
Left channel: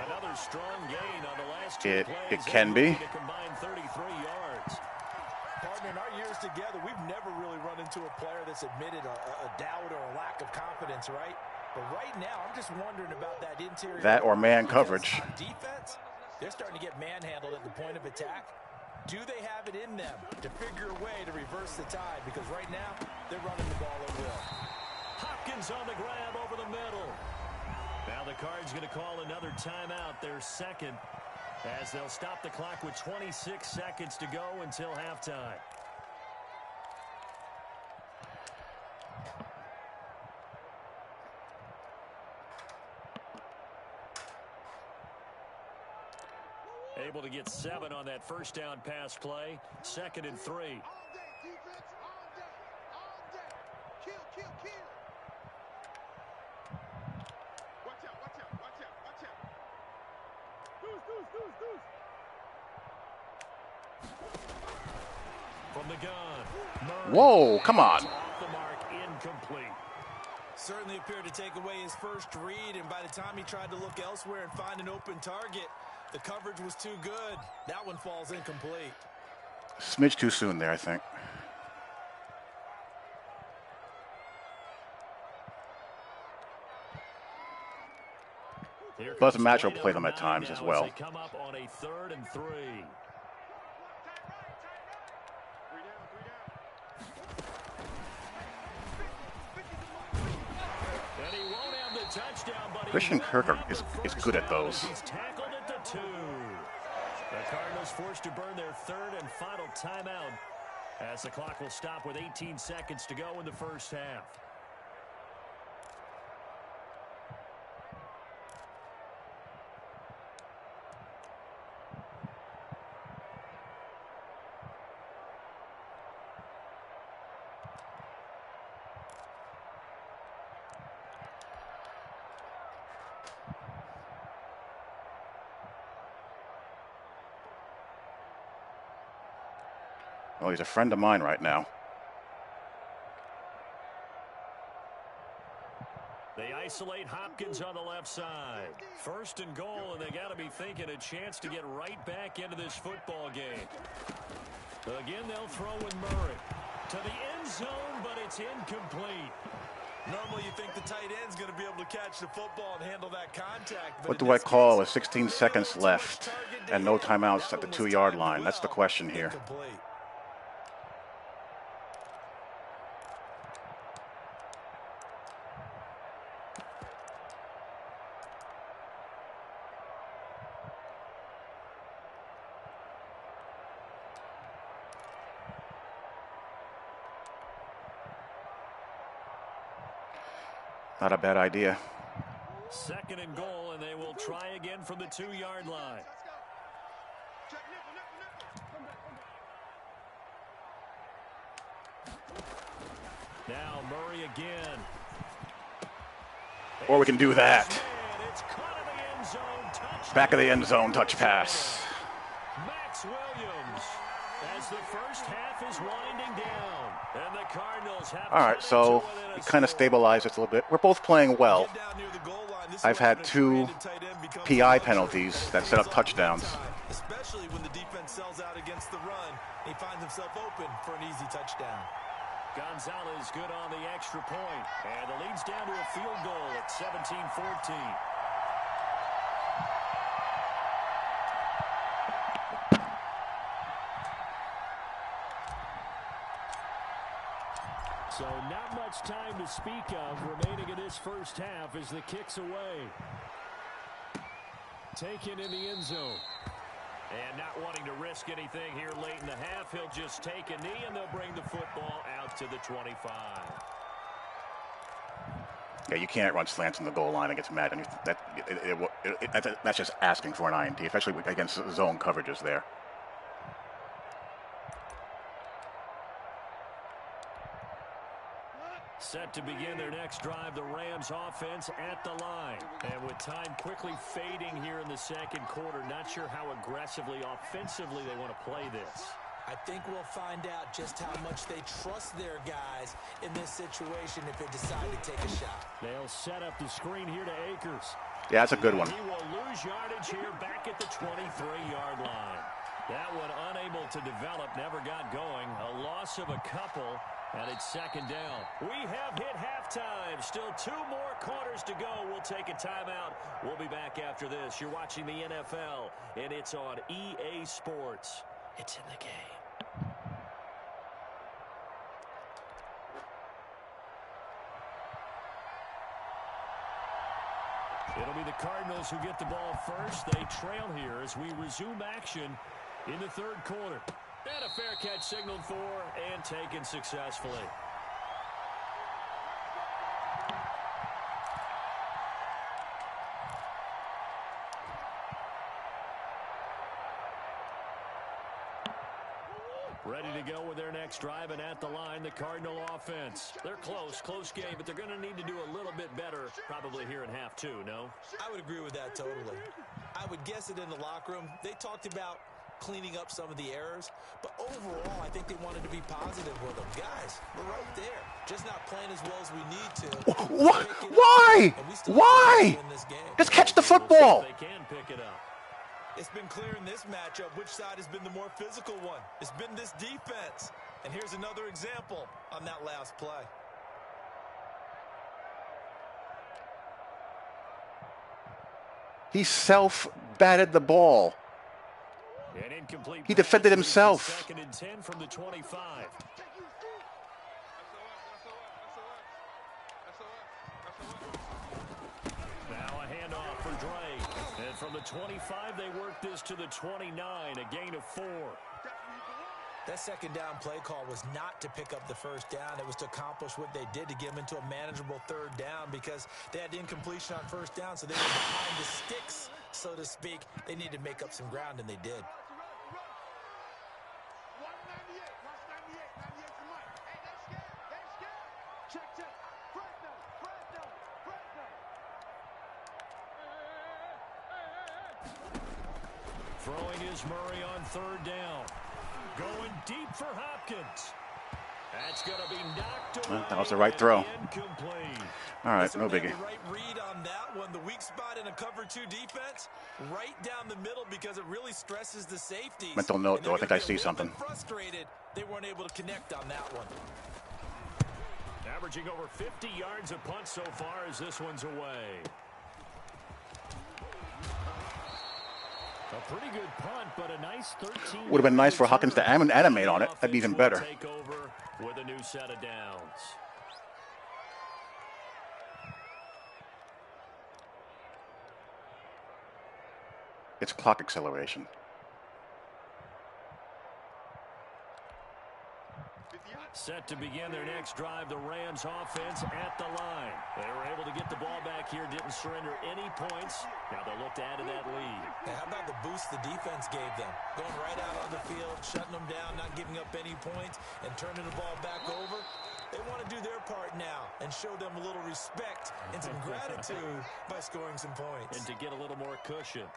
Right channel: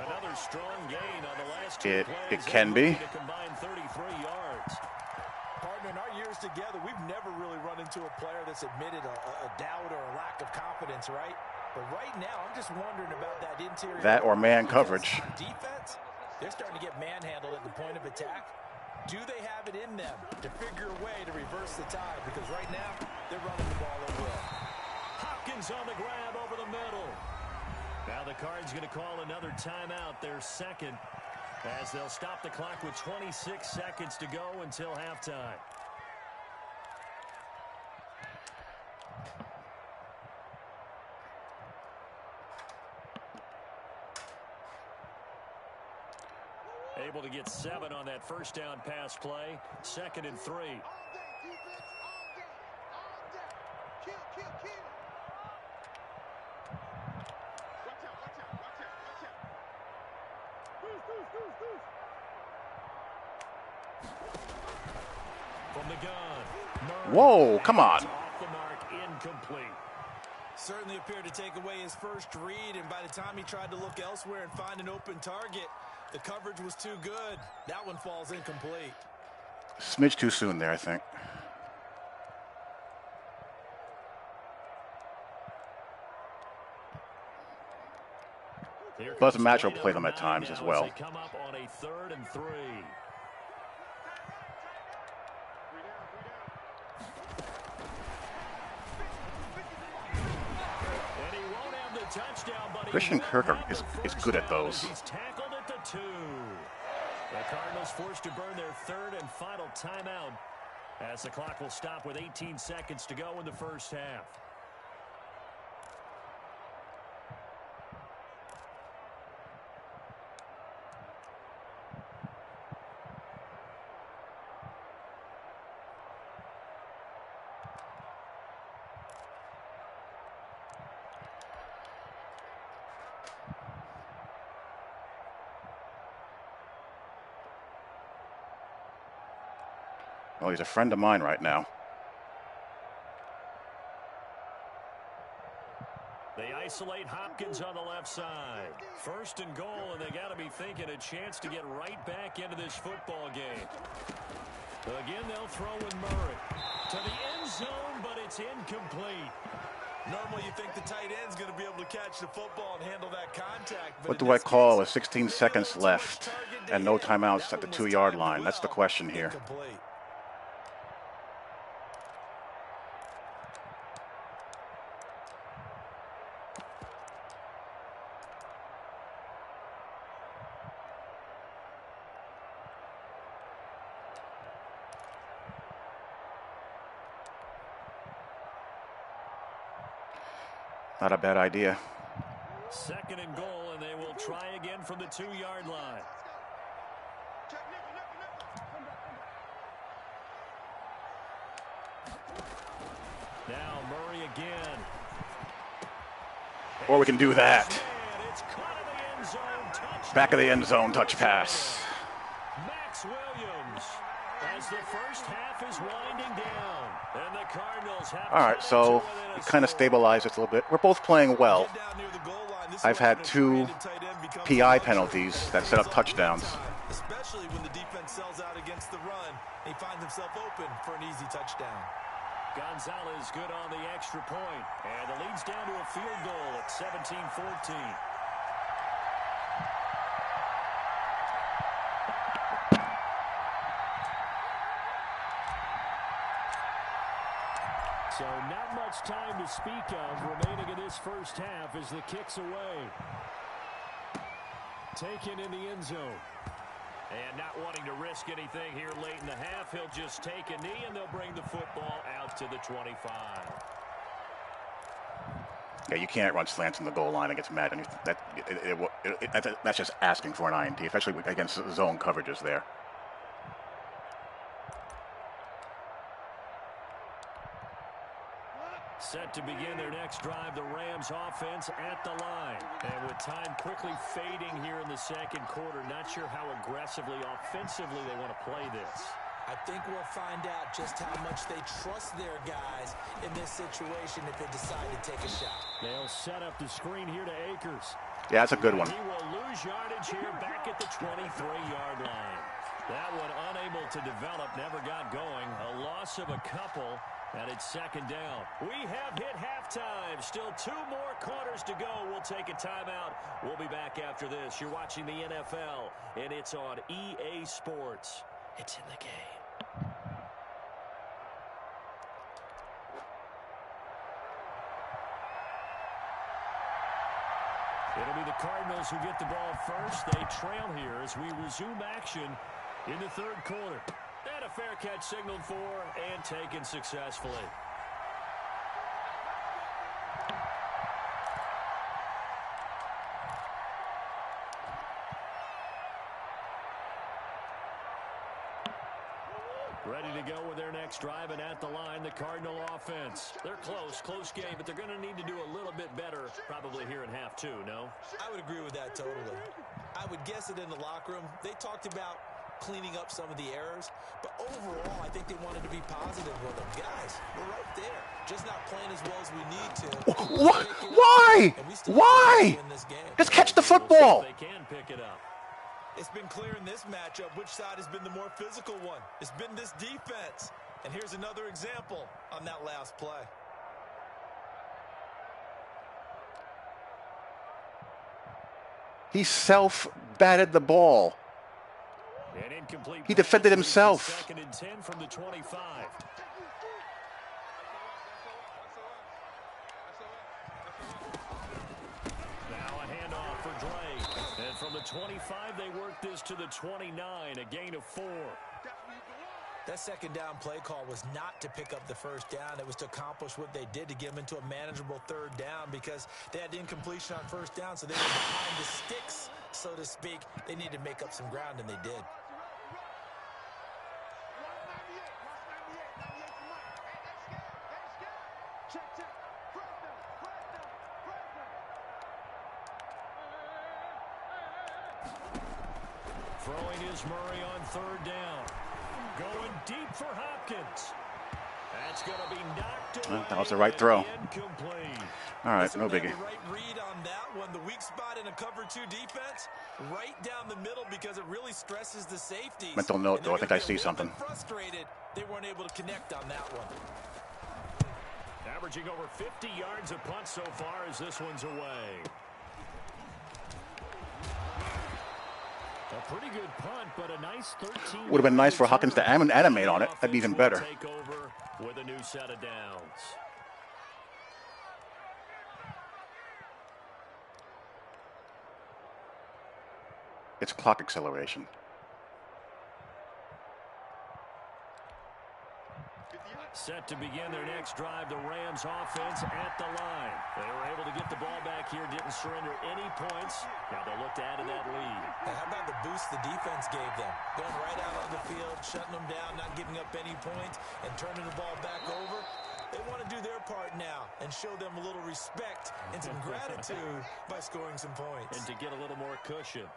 Another strong gain on the last 2 plays. It can be. To combine 33 yards. Partner, in our years together, we've never really run into a player that's admitted a doubt or a lack of confidence, right? But right now, I'm just wondering about that interior. That or man coverage. On defense, they're starting to get manhandled at the point of attack. Do they have it in them to figure a way to reverse the tide? Because right now, they're running the ball at will. Hopkins on the grab over the middle. Now the Cards going to call another timeout, their second, as they'll stop the clock with 26 seconds to go until halftime. Able to get 7 on that first down pass play. 2nd and 3. All day, defense, all day, all day. Kill, kill, kill. Watch out, watch out, watch out, watch out. Deuce. From the gun. Murray. Whoa, come on. Off the mark, incomplete. Certainly appeared to take away his first read, and by the time he tried to look elsewhere and find an open target, the coverage was too good. That one falls incomplete. Smidge too soon there, I think. Plus, Match will play them at times as well. They come up on a 3rd and 3. And he won't have the touchdown, but Christian Kirk is good at those. He's tackled at the 2. The Cardinals forced to burn their 3rd and final timeout, as the clock will stop with 18 seconds to go in the first half. Well, he's a friend of mine right now. They isolate Hopkins on the left side. 1st and goal, and they got to be thinking a chance to get right back into this football game. Again, they'll throw with Murray. To the end zone, but it's incomplete. Normally, you think the tight end's going to be able to catch the football and handle that contact. What do I call with 16 seconds left and no timeouts at the 2-yard line? That's the question here. Incomplete. Not a bad idea. 2nd and goal, and they will try again from the 2-yard line. Now Murray again. Or we can do that. It's caught in the end zone. Touchdown. Back of the end zone, touch pass. Max Williams, as the first half is winding down, and the Cardinals have. All right, so we kind of stabilized it a little bit. We're both playing well. I've had 2 PI penalties that set up touchdowns. Especially when the defense sells out against the run, he finds himself open for an easy touchdown. Gonzalez good on the extra point, and the lead's down to a field goal at 17-14. So not much time to speak of remaining in this first half as the kick's away. Taken in the end zone. And not wanting to risk anything here late in the half, he'll just take a knee and they'll bring the football out to the 25. Yeah, you can't run slants in the goal line against Madden. That's just asking for an INT, especially against zone coverages there. Set to begin their next drive, the Rams offense at the line. And with time quickly fading here in the 2nd quarter, not sure how aggressively, offensively they want to play this. I think we'll find out just how much they trust their guys in this situation if they decide to take a shot. They'll set up the screen here to Akers. Yeah, that's a good one. He will lose yardage here back at the 23-yard line. That one unable to develop, never got going. A loss of a couple. And it's 2nd down. We have hit halftime. Still 2 more quarters to go. We'll take a timeout. We'll be back after this. You're watching the NFL, and it's on EA Sports. It's in the game. It'll be the Cardinals who get the ball first. They trail here as we resume action in the 3rd quarter. And a fair catch signaled for and taken successfully. Ready to go with their next drive, and at the line, the Cardinal offense. They're close game, but they're going to need to do a little bit better probably here in half 2, no? I would agree with that totally. I would guess it in the locker room. They talked about cleaning up some of the errors, but overall, I think they wanted to be positive with them. Guys, we're right there. Just not playing as well as we need to. What? Why? Why? Just catch the football. They can pick it up. It's been clear in this matchup which side has been the more physical one. It's been this defense. And here's another example on that last play. He self-batted the ball. An incomplete. He defended himself. 2nd and 10 from the 25. Now a handoff for Dre. And from the 25, they work this to the 29, a gain of 4. That 2nd down play call was not to pick up the 1st down. It was to accomplish what they did, to get them into a manageable 3rd down, because they had incompletion on 1st down, so they were behind the sticks, so to speak. They needed to make up some ground, and they did. Throwing is Murray on 3rd down. Going deep for Hopkins. That's going to be knocked away. That was the right throw. Incomplete. All right, no biggie. Right read on that one. The weak spot in a cover 2 defense, right down the middle because it really stresses the safeties. Mental note, though. I think I see something. Frustrated, they weren't able to connect on that one. Averaging over 50 yards a punt so far as this one's away. A pretty good punt, but a nice 13. Would have been nice for Hawkins to animate on it. That'd be even better. Take over with a new set of downs. It's clock acceleration. Set to begin their next drive, the Rams offense at the line. They were able to get the ball back here, didn't surrender any points. Now they'll look to add to that lead. Hey, how about the boost the defense gave them? Going right out on the field, shutting them down, not giving up any points, and turning the ball back over. They want to do their part now and show them a little respect and some gratitude by scoring some points. And to get a little more cushion.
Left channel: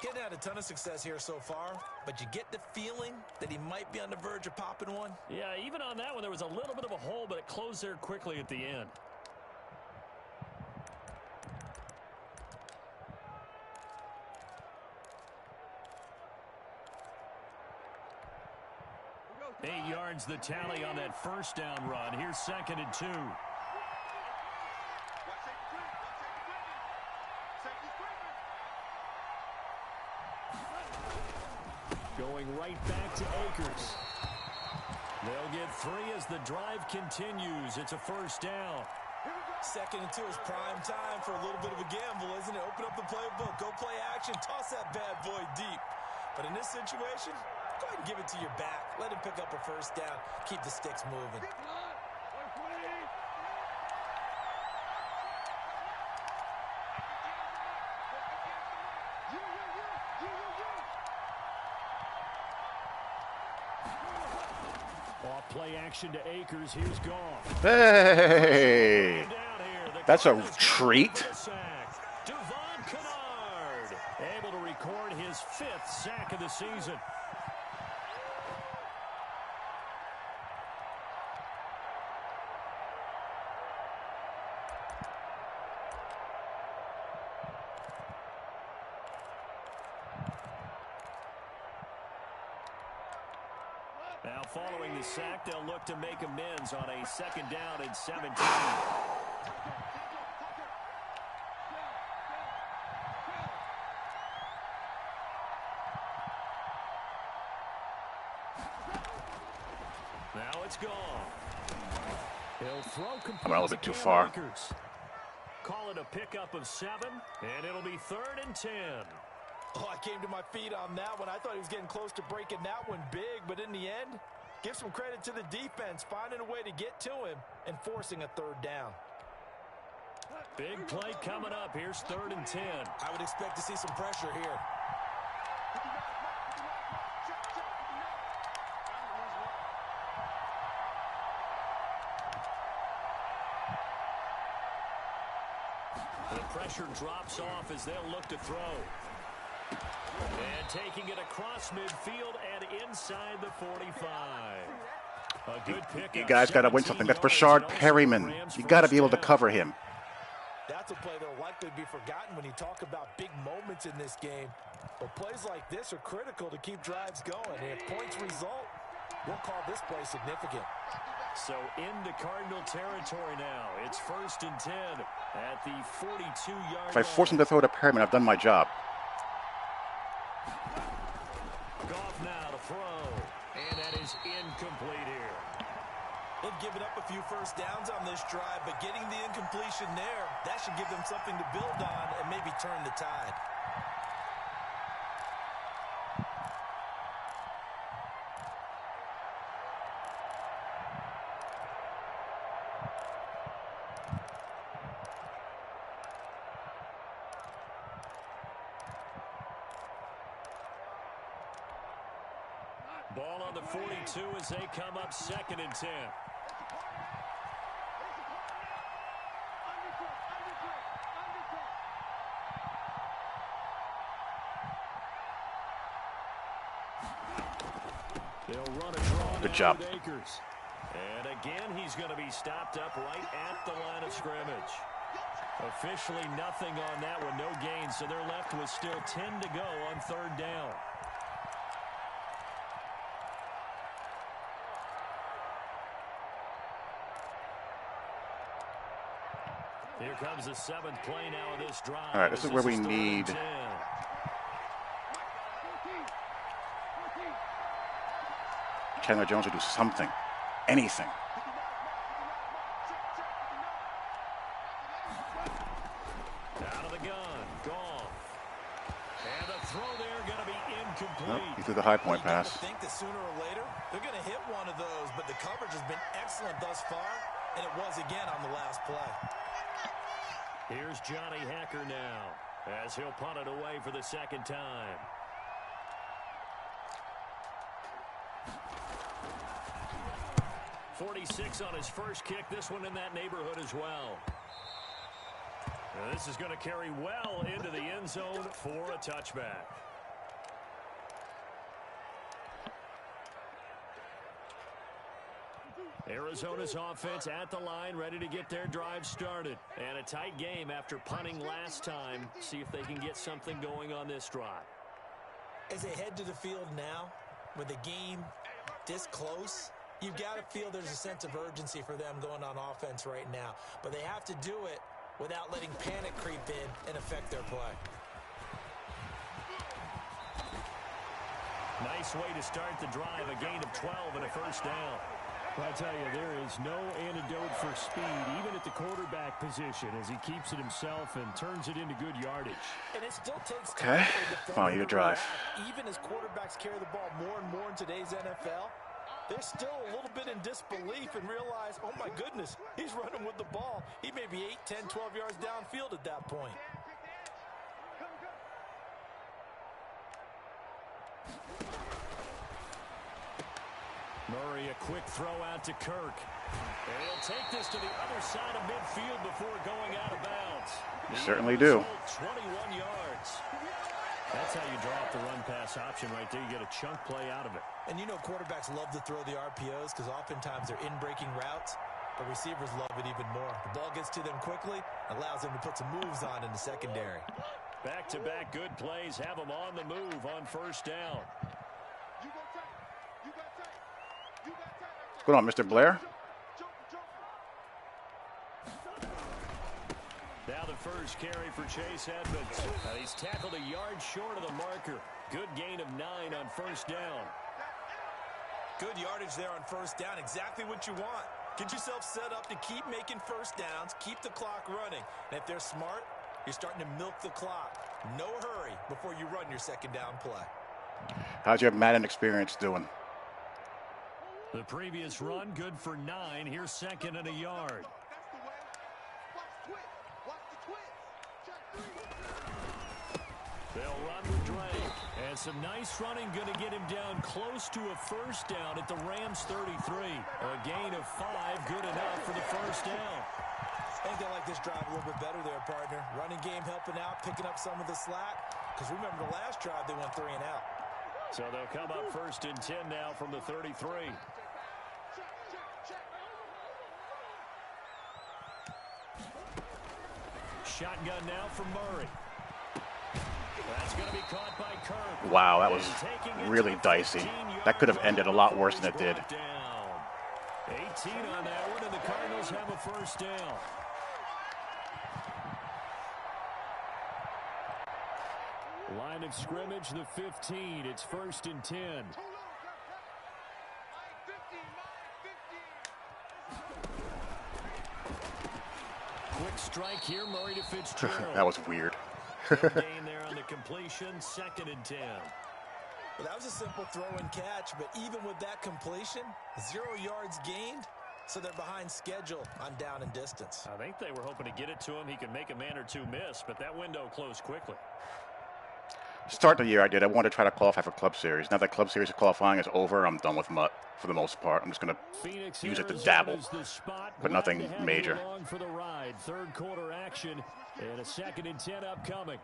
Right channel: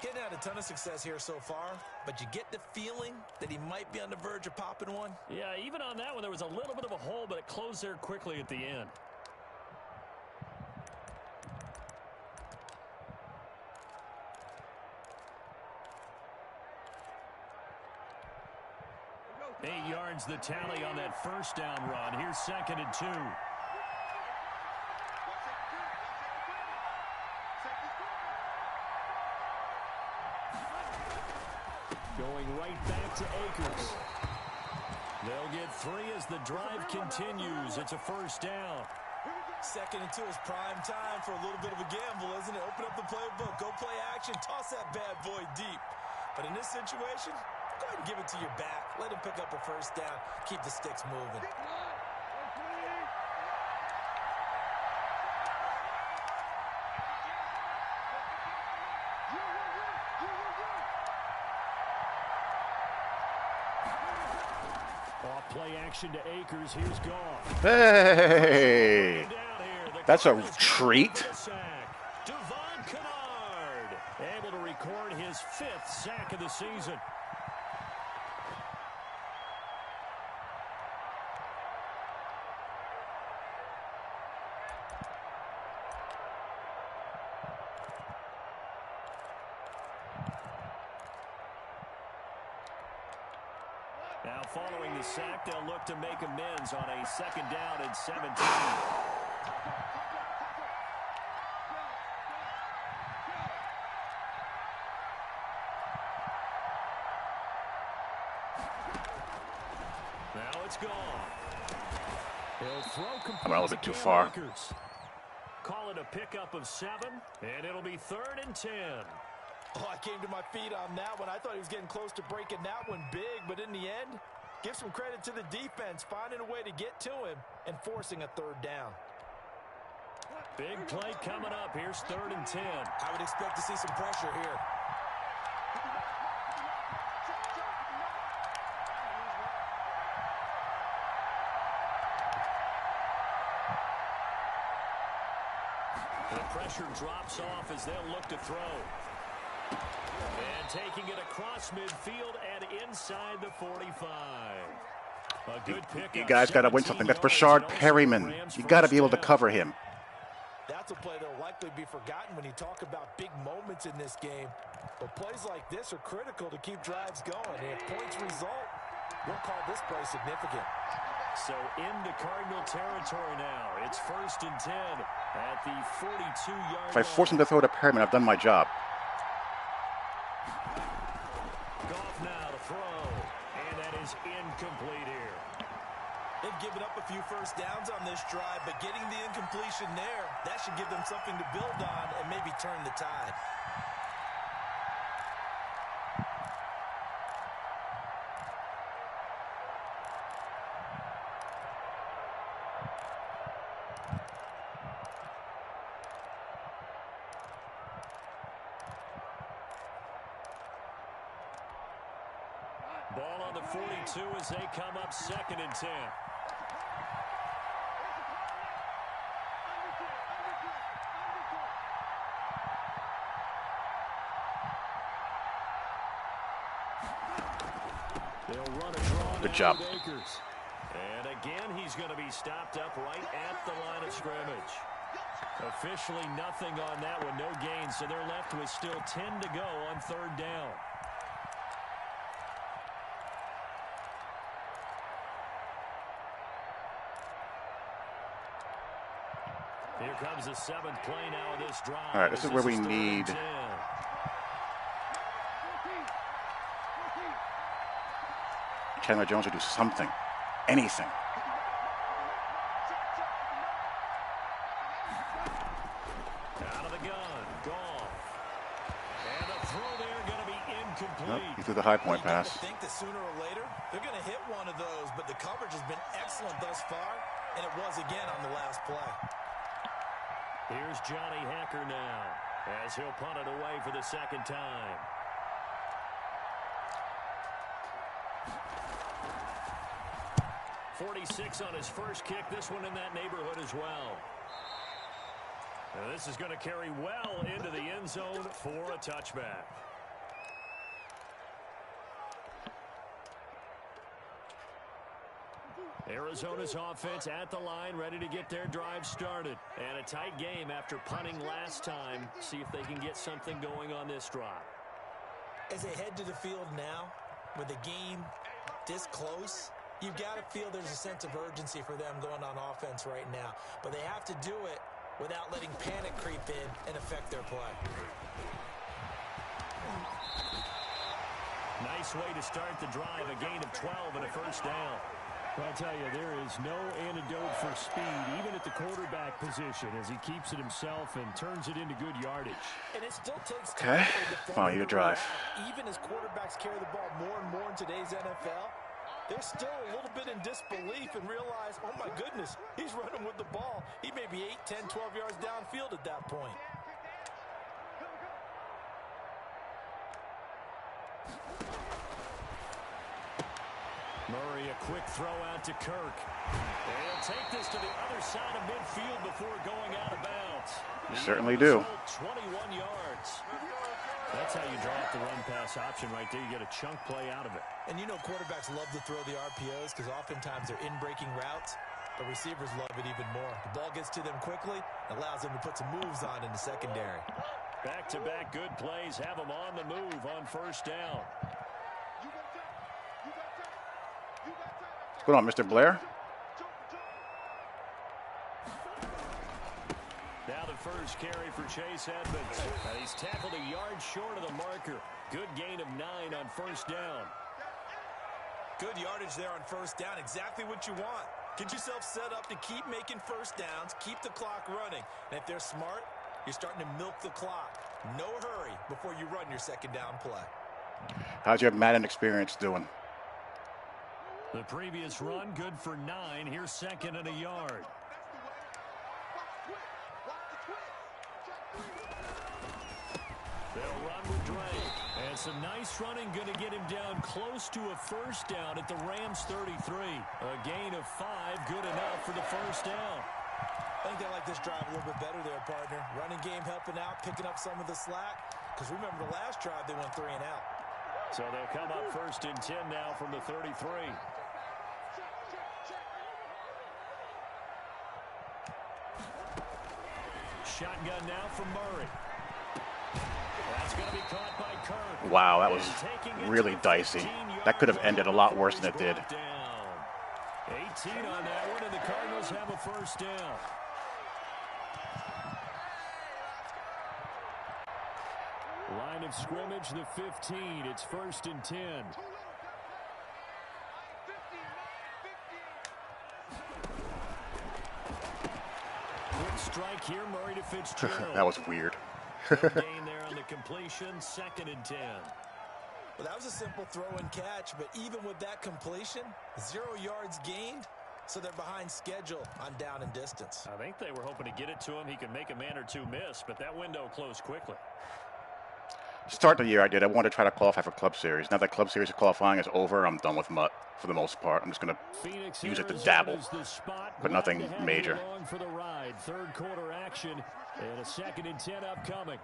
Getting had a ton of success here so far, but you get the feeling that he might be on the verge of popping one. Yeah, even on that one, there was a little bit of a hole, but it closed there quickly at the end. Eight yards the tally on that first down run. Here's 2nd and 2. Going right back to Akers. They'll get 3 as the drive continues. It's a first down. 2nd and 2 is prime time for a little bit of a gamble, isn't it? Open up the playbook, go play action, toss that bad boy deep. But in this situation, go ahead and give it to your back. Let him pick up a first down. Keep the sticks moving. Off play action to Akers. Here's Goff. Hey, that's a treat. Devon Kennard able to record his 5th sack of the season. Now, following the sack, they'll look to make amends on a 2nd down and 17. Now it's gone. He'll throw complete. I'm a little bit too far. Call it a pickup of 7, and it'll be 3rd and 10. Oh, I came to my feet on that one. I thought he was getting close to breaking that one big, but in the end, give some credit to the defense, finding a way to get to him and forcing a 3rd down. Big play coming up. Here's 3rd and 10. I would expect to see some pressure here. The pressure drops off as they'll look to throw. And taking it across midfield and inside the 45. A good pick. You guys got to win something. That's Brashard Perryman. You got to be able to cover him. That's a play that will likely be forgotten when you talk about big moments in this game. But plays like this are critical to keep drives going. And if points result, we'll call this play significant. So into Cardinal territory now. It's 1st and 10 at the 42-yard line. If I force him to throw to Perryman, I've done my job. Goff now to throw. And that is incomplete here. They've given up a few first downs on this drive, but getting the incompletion there, that should give them something to build on and maybe turn the tide. Ball on the 42 as they come up 2nd and 10. They'll run a draw. Good job. Akers. And again, he's going to be stopped up right at the line of scrimmage. Officially nothing on that one, no gain, so they're left with still 10 to go on third down. Here comes the 7th play now of this drive. All right, this is where we need Chandler Jones to do something, anything. Out of the gun, Goff. And the throw there going to be incomplete. Nope, he threw the high point You got pass. to think that sooner or later they're going to hit one of those, but the coverage has been excellent thus far, and it was again on the last play. Here's Johnny Hacker now as he'll punt it away for the second time. .46 on his first kick. This one in that neighborhood as well. Now this is going to carry well into the end zone for a touchback. Arizona's offense at the line, ready to get their drive started. And a tight game after punting last time. See if they can get something going on this drive. As they head to the field now, with the game this close, you've got to feel there's a sense of urgency for them going on offense right now. But they have to do it without letting panic creep in and affect their play. Nice way to start the drive, a gain of 12 and a first down. Well, I tell you, there is no antidote for speed, even at the quarterback position, as he keeps it himself and turns it into good yardage. And it still takes Okay, time for a defender fine, you to drive. react. Even as quarterbacks carry the ball more and more in today's NFL, they're still a little bit in disbelief and realize, oh my goodness, he's running with the ball. He may be 8, 10, 12 yards downfield at that point. Murray, a quick throw out to Kirk. And he'll take this to the other side of midfield before going out of bounds. You certainly do. 21 yards. That's how you draw up the run-pass option right there. You get a chunk play out of it. And you know quarterbacks love to throw the RPOs because oftentimes they're in-breaking routes, but receivers love it even more. The ball gets to them quickly, allows them to put some moves on in the secondary. Back-to-back good plays have them on the move on first down. What's going on, Mr. Blair? Now the first carry for Chase Edmonds. He's tackled a yard short of the marker. Good gain of 9 on first down. Good yardage there on first down. Exactly what you want. Get yourself set up to keep making first downs, keep the clock running. And if they're smart, you're starting to milk the clock. No hurry before you run your second down play. How's your Madden experience doing? The previous run, good for 9. Here's second and a yard. They'll run with Drake. And some nice running, going to get him down close to a first down at the Rams 33. A gain of 5, good enough for the first down. I think they like this drive a little bit better there, partner. Running game helping out, picking up some of the slack. Because remember the last drive, they went 3 and out. So they'll come up first and 10 now from the 33. Shotgun now from Murray. That's going to be caught by Kirk. Wow, that was really dicey. That could have ended a lot worse than it did. 18 on that one, and the Cardinals have a first down. Line of scrimmage, the 15. It's first and 10. Quick strike here, Murray to Fitzgerald. That was weird. Good gain there on the completion, second and 10. Well, that was a simple throw and catch, but even with that completion, 0 yards gained, so they're behind schedule on down and distance. I think they were hoping to get it to him. He could make a man or two miss, but that window closed quickly. Start the year I did. I wanted to try to qualify for Club Series. Now that Club Series qualifying is over, I'm done with MUT for the most part. I'm just going to use it to dabble, but nothing major. For the ride. Third quarter action and a second and 10 upcoming.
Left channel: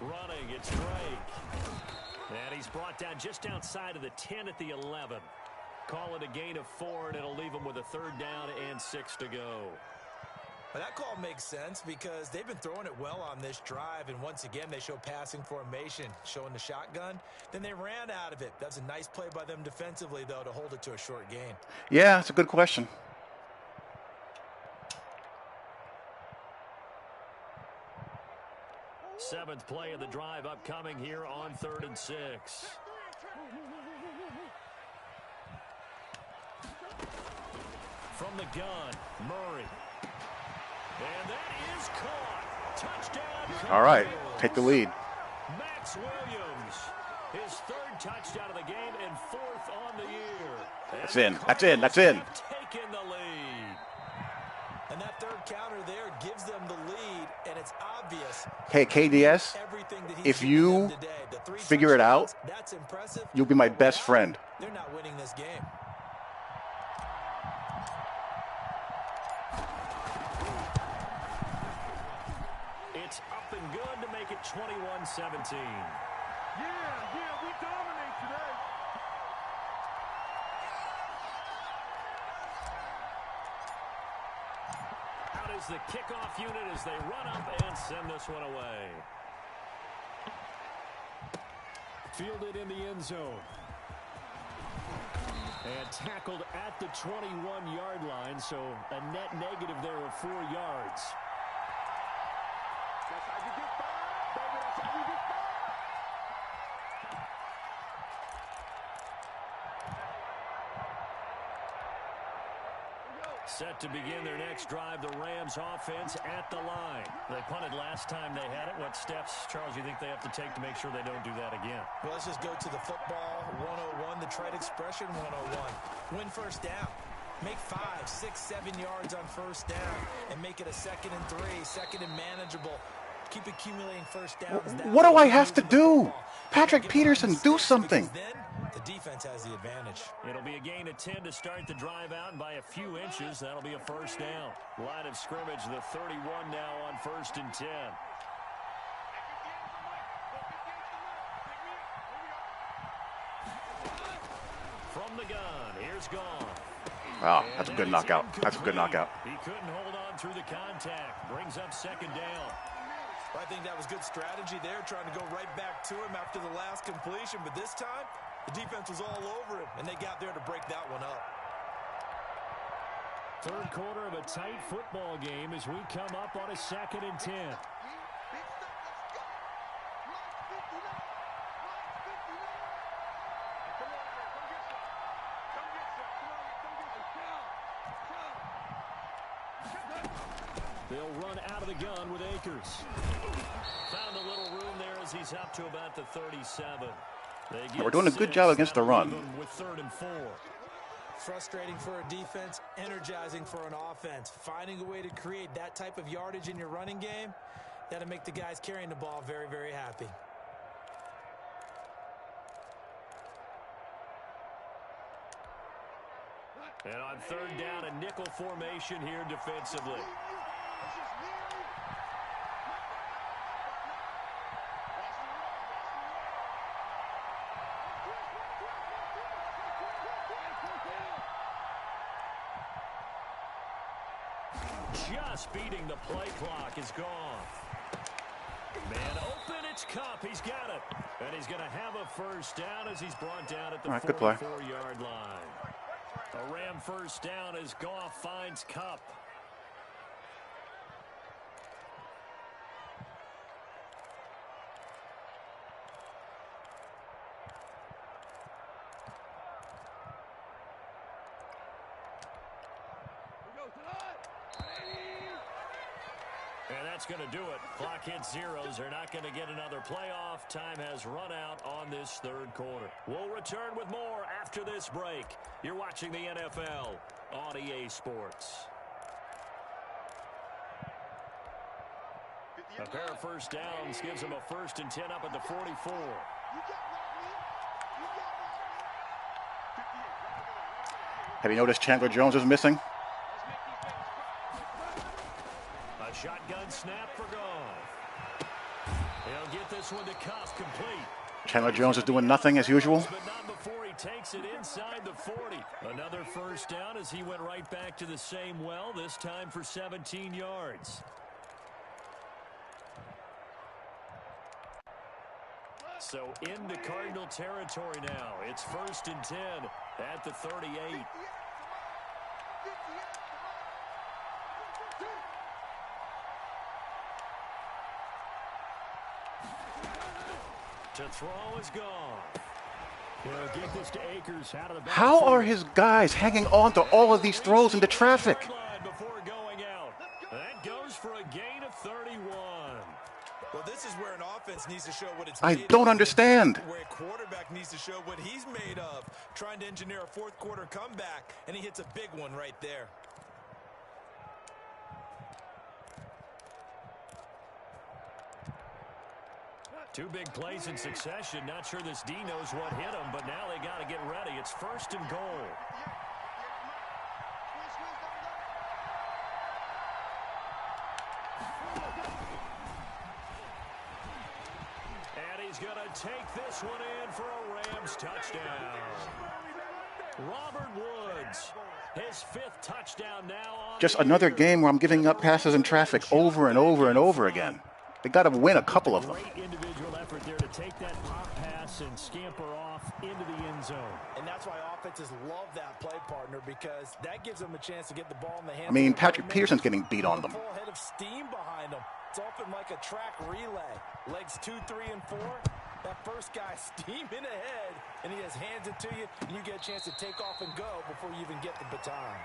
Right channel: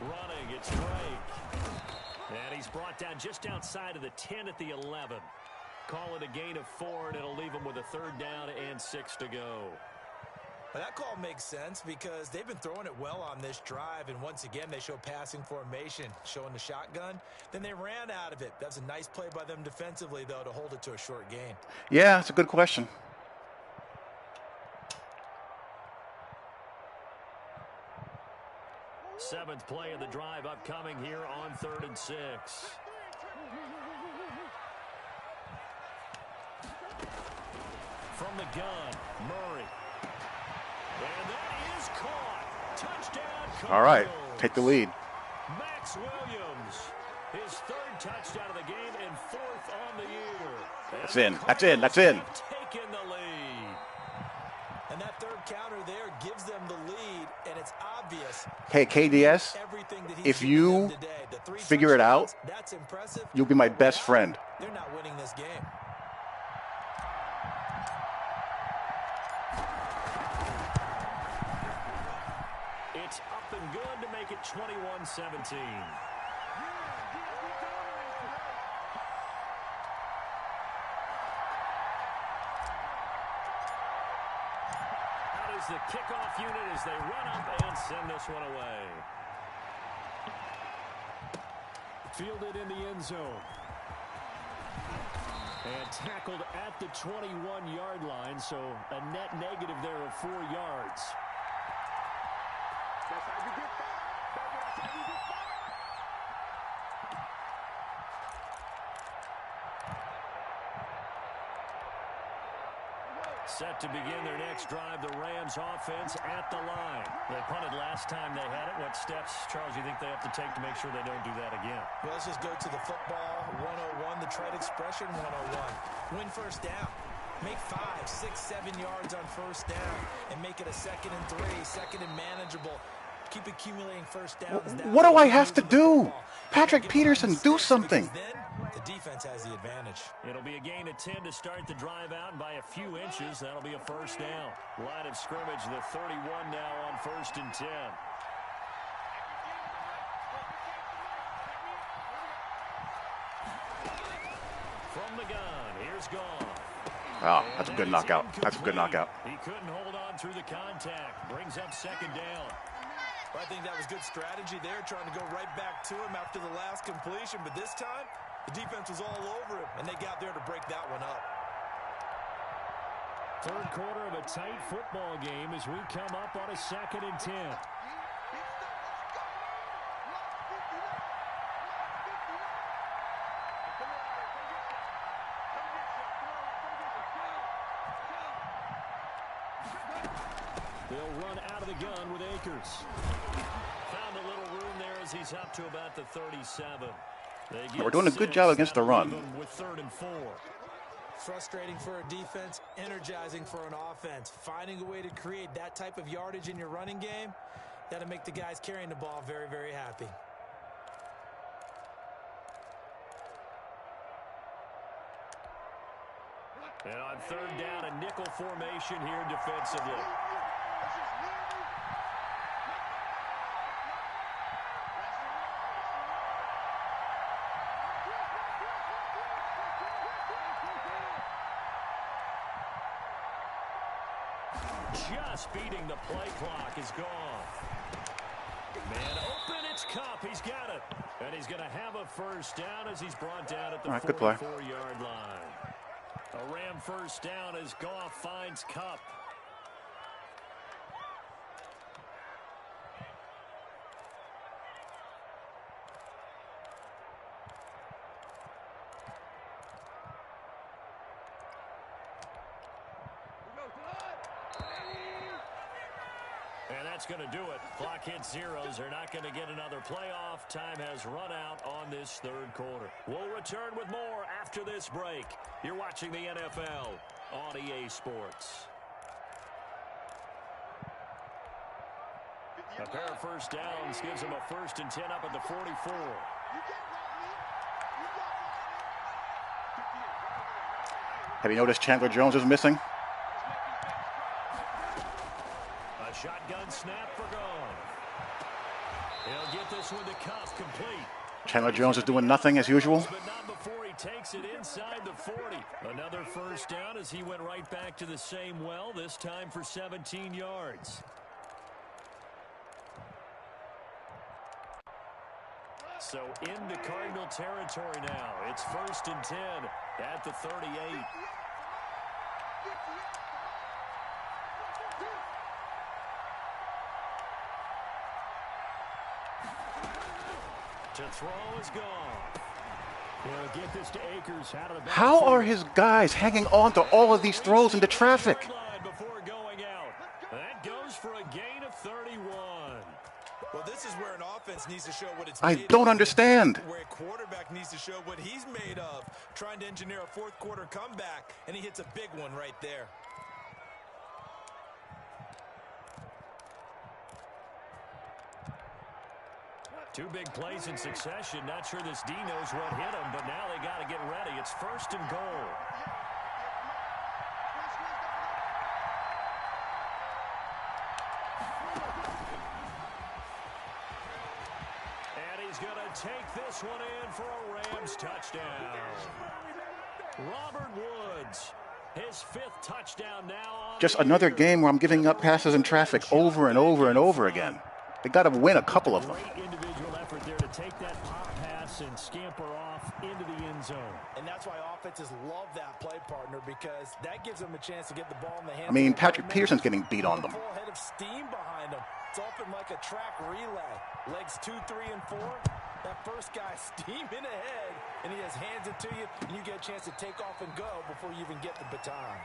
Running, it's Drake. And he's brought down just outside of the 10 at the 11. Call it a gain of 4, and it'll leave him with a 3rd down and 6 to go. Well, that call makes sense because they've been throwing it well on this drive, and once again, they show passing formation, showing the shotgun. Then they ran out of it. That's a nice play by them defensively, though, to hold it to a short gain. Yeah, that's a good question. Seventh play of the drive upcoming here on 3rd and 6. From the gun, Murray. And that is caught. Touchdown. All right, take the lead. Max Williams, his 3rd touchdown of the game and 4th on the year. That's in. That's in. That's in. Taking the lead. And that 3rd counter there gives them the lead, and it's obvious. Hey, KDS, if you figure it out, that's impressive. You'll be my best friend. They're not winning this game. It's up and good to make it 21-17. Yeah, we dominate today. Out is the kickoff unit as they run up and send this one away. Fielded in the end zone. And tackled at the 21-yard line, so a net negative there of 4 yards. That's how you get fired, baby. That's how you get fired. Set to begin their next drive, the Rams offense at the line. They punted last time they had it. What steps, Charles, you think they have to take to make sure they don't do that again? Well, let's just go to the football 101, the trade expression 101. Win first down. Make 5, 6, 7 yards on first down and make it a 2nd and 3, 2nd and manageable. Keep accumulating first downs. What do I have to do? Patrick Peterson, do something. Then the defense has the advantage. It'll be a gain of 10 to start the drive out, and by a few inches, that'll be a first down. Line of scrimmage, the 31 now on 1st and 10. From the gun, here's Goff. Wow, that's a good knockout. That's a good knockout. He couldn't hold on through the contact. Brings up 2nd down. I think that was good strategy there, trying to go right back to him after the last completion. But this time, the defense was all over him, and they got there to break that one up. 3rd quarter of a tight football game as we come up on a 2nd and 10. They'll run out of the gun with Akers. Found a little room there as he's up to about the 37. We're doing a good job against the run. With 3rd and 4. Frustrating for a defense, energizing for an offense. Finding a way to create that type of yardage in your running game, that'll make the guys carrying the ball very, very happy. And on 3rd down, a nickel formation here defensively. Just beating the play clock is gone. Man open, it's Cup. He's got it. And he's going to have a first down as he's brought down at the 44-yard line. A Ram first down as Goff finds Cup. And that's going to do it. Clock hits zeros. They're not going to get another playoff. Time has run out on this 3rd quarter. We'll return with more after this break. You're watching the NFL on EA Sports. A pair of first downs gives them a 1st and 10 up at the 44. Have you noticed Chandler Jones is missing? A shotgun snap for Goff. He'll get this one to Cuff, complete. Chandler Jones is doing nothing as usual. But not before he takes it inside the 40. Another first down as he went right back to the same well, this time for 17 yards. So into Cardinal territory now. It's 1st and 10 at the 38. To throw is gone. He'll get this to Akers out of the back. How are his guys hanging on to all of these throws into traffic? Before going out. That goes for a gain of 31. Well, this is where an offense needs to show what it's I made don't of, understand. where a quarterback needs to show what he's made of, trying to engineer a fourth quarter comeback, and he hits a big one right there. Two big plays in succession. Not sure this D knows what hit him, but now they got to get ready. It's 1st and goal. And he's going to take this one in for a Rams touchdown. Robert Woods, his 5th touchdown now on Just another game where I'm giving up passes in traffic over and over and over again. They got to win a couple of them. Great individual effort there to take that pop pass and scamper off into the end zone. And that's why offenses love that play, partner, because that gives them a chance to get the ball in the hands. I mean, Patrick Pearson's getting beat on them. Full head of steam behind them. It's often like a track relay. Legs 2, 3, and 4. That first guy steaming ahead, and he has hands it to you, and you get a chance to take off and go before you even get the baton.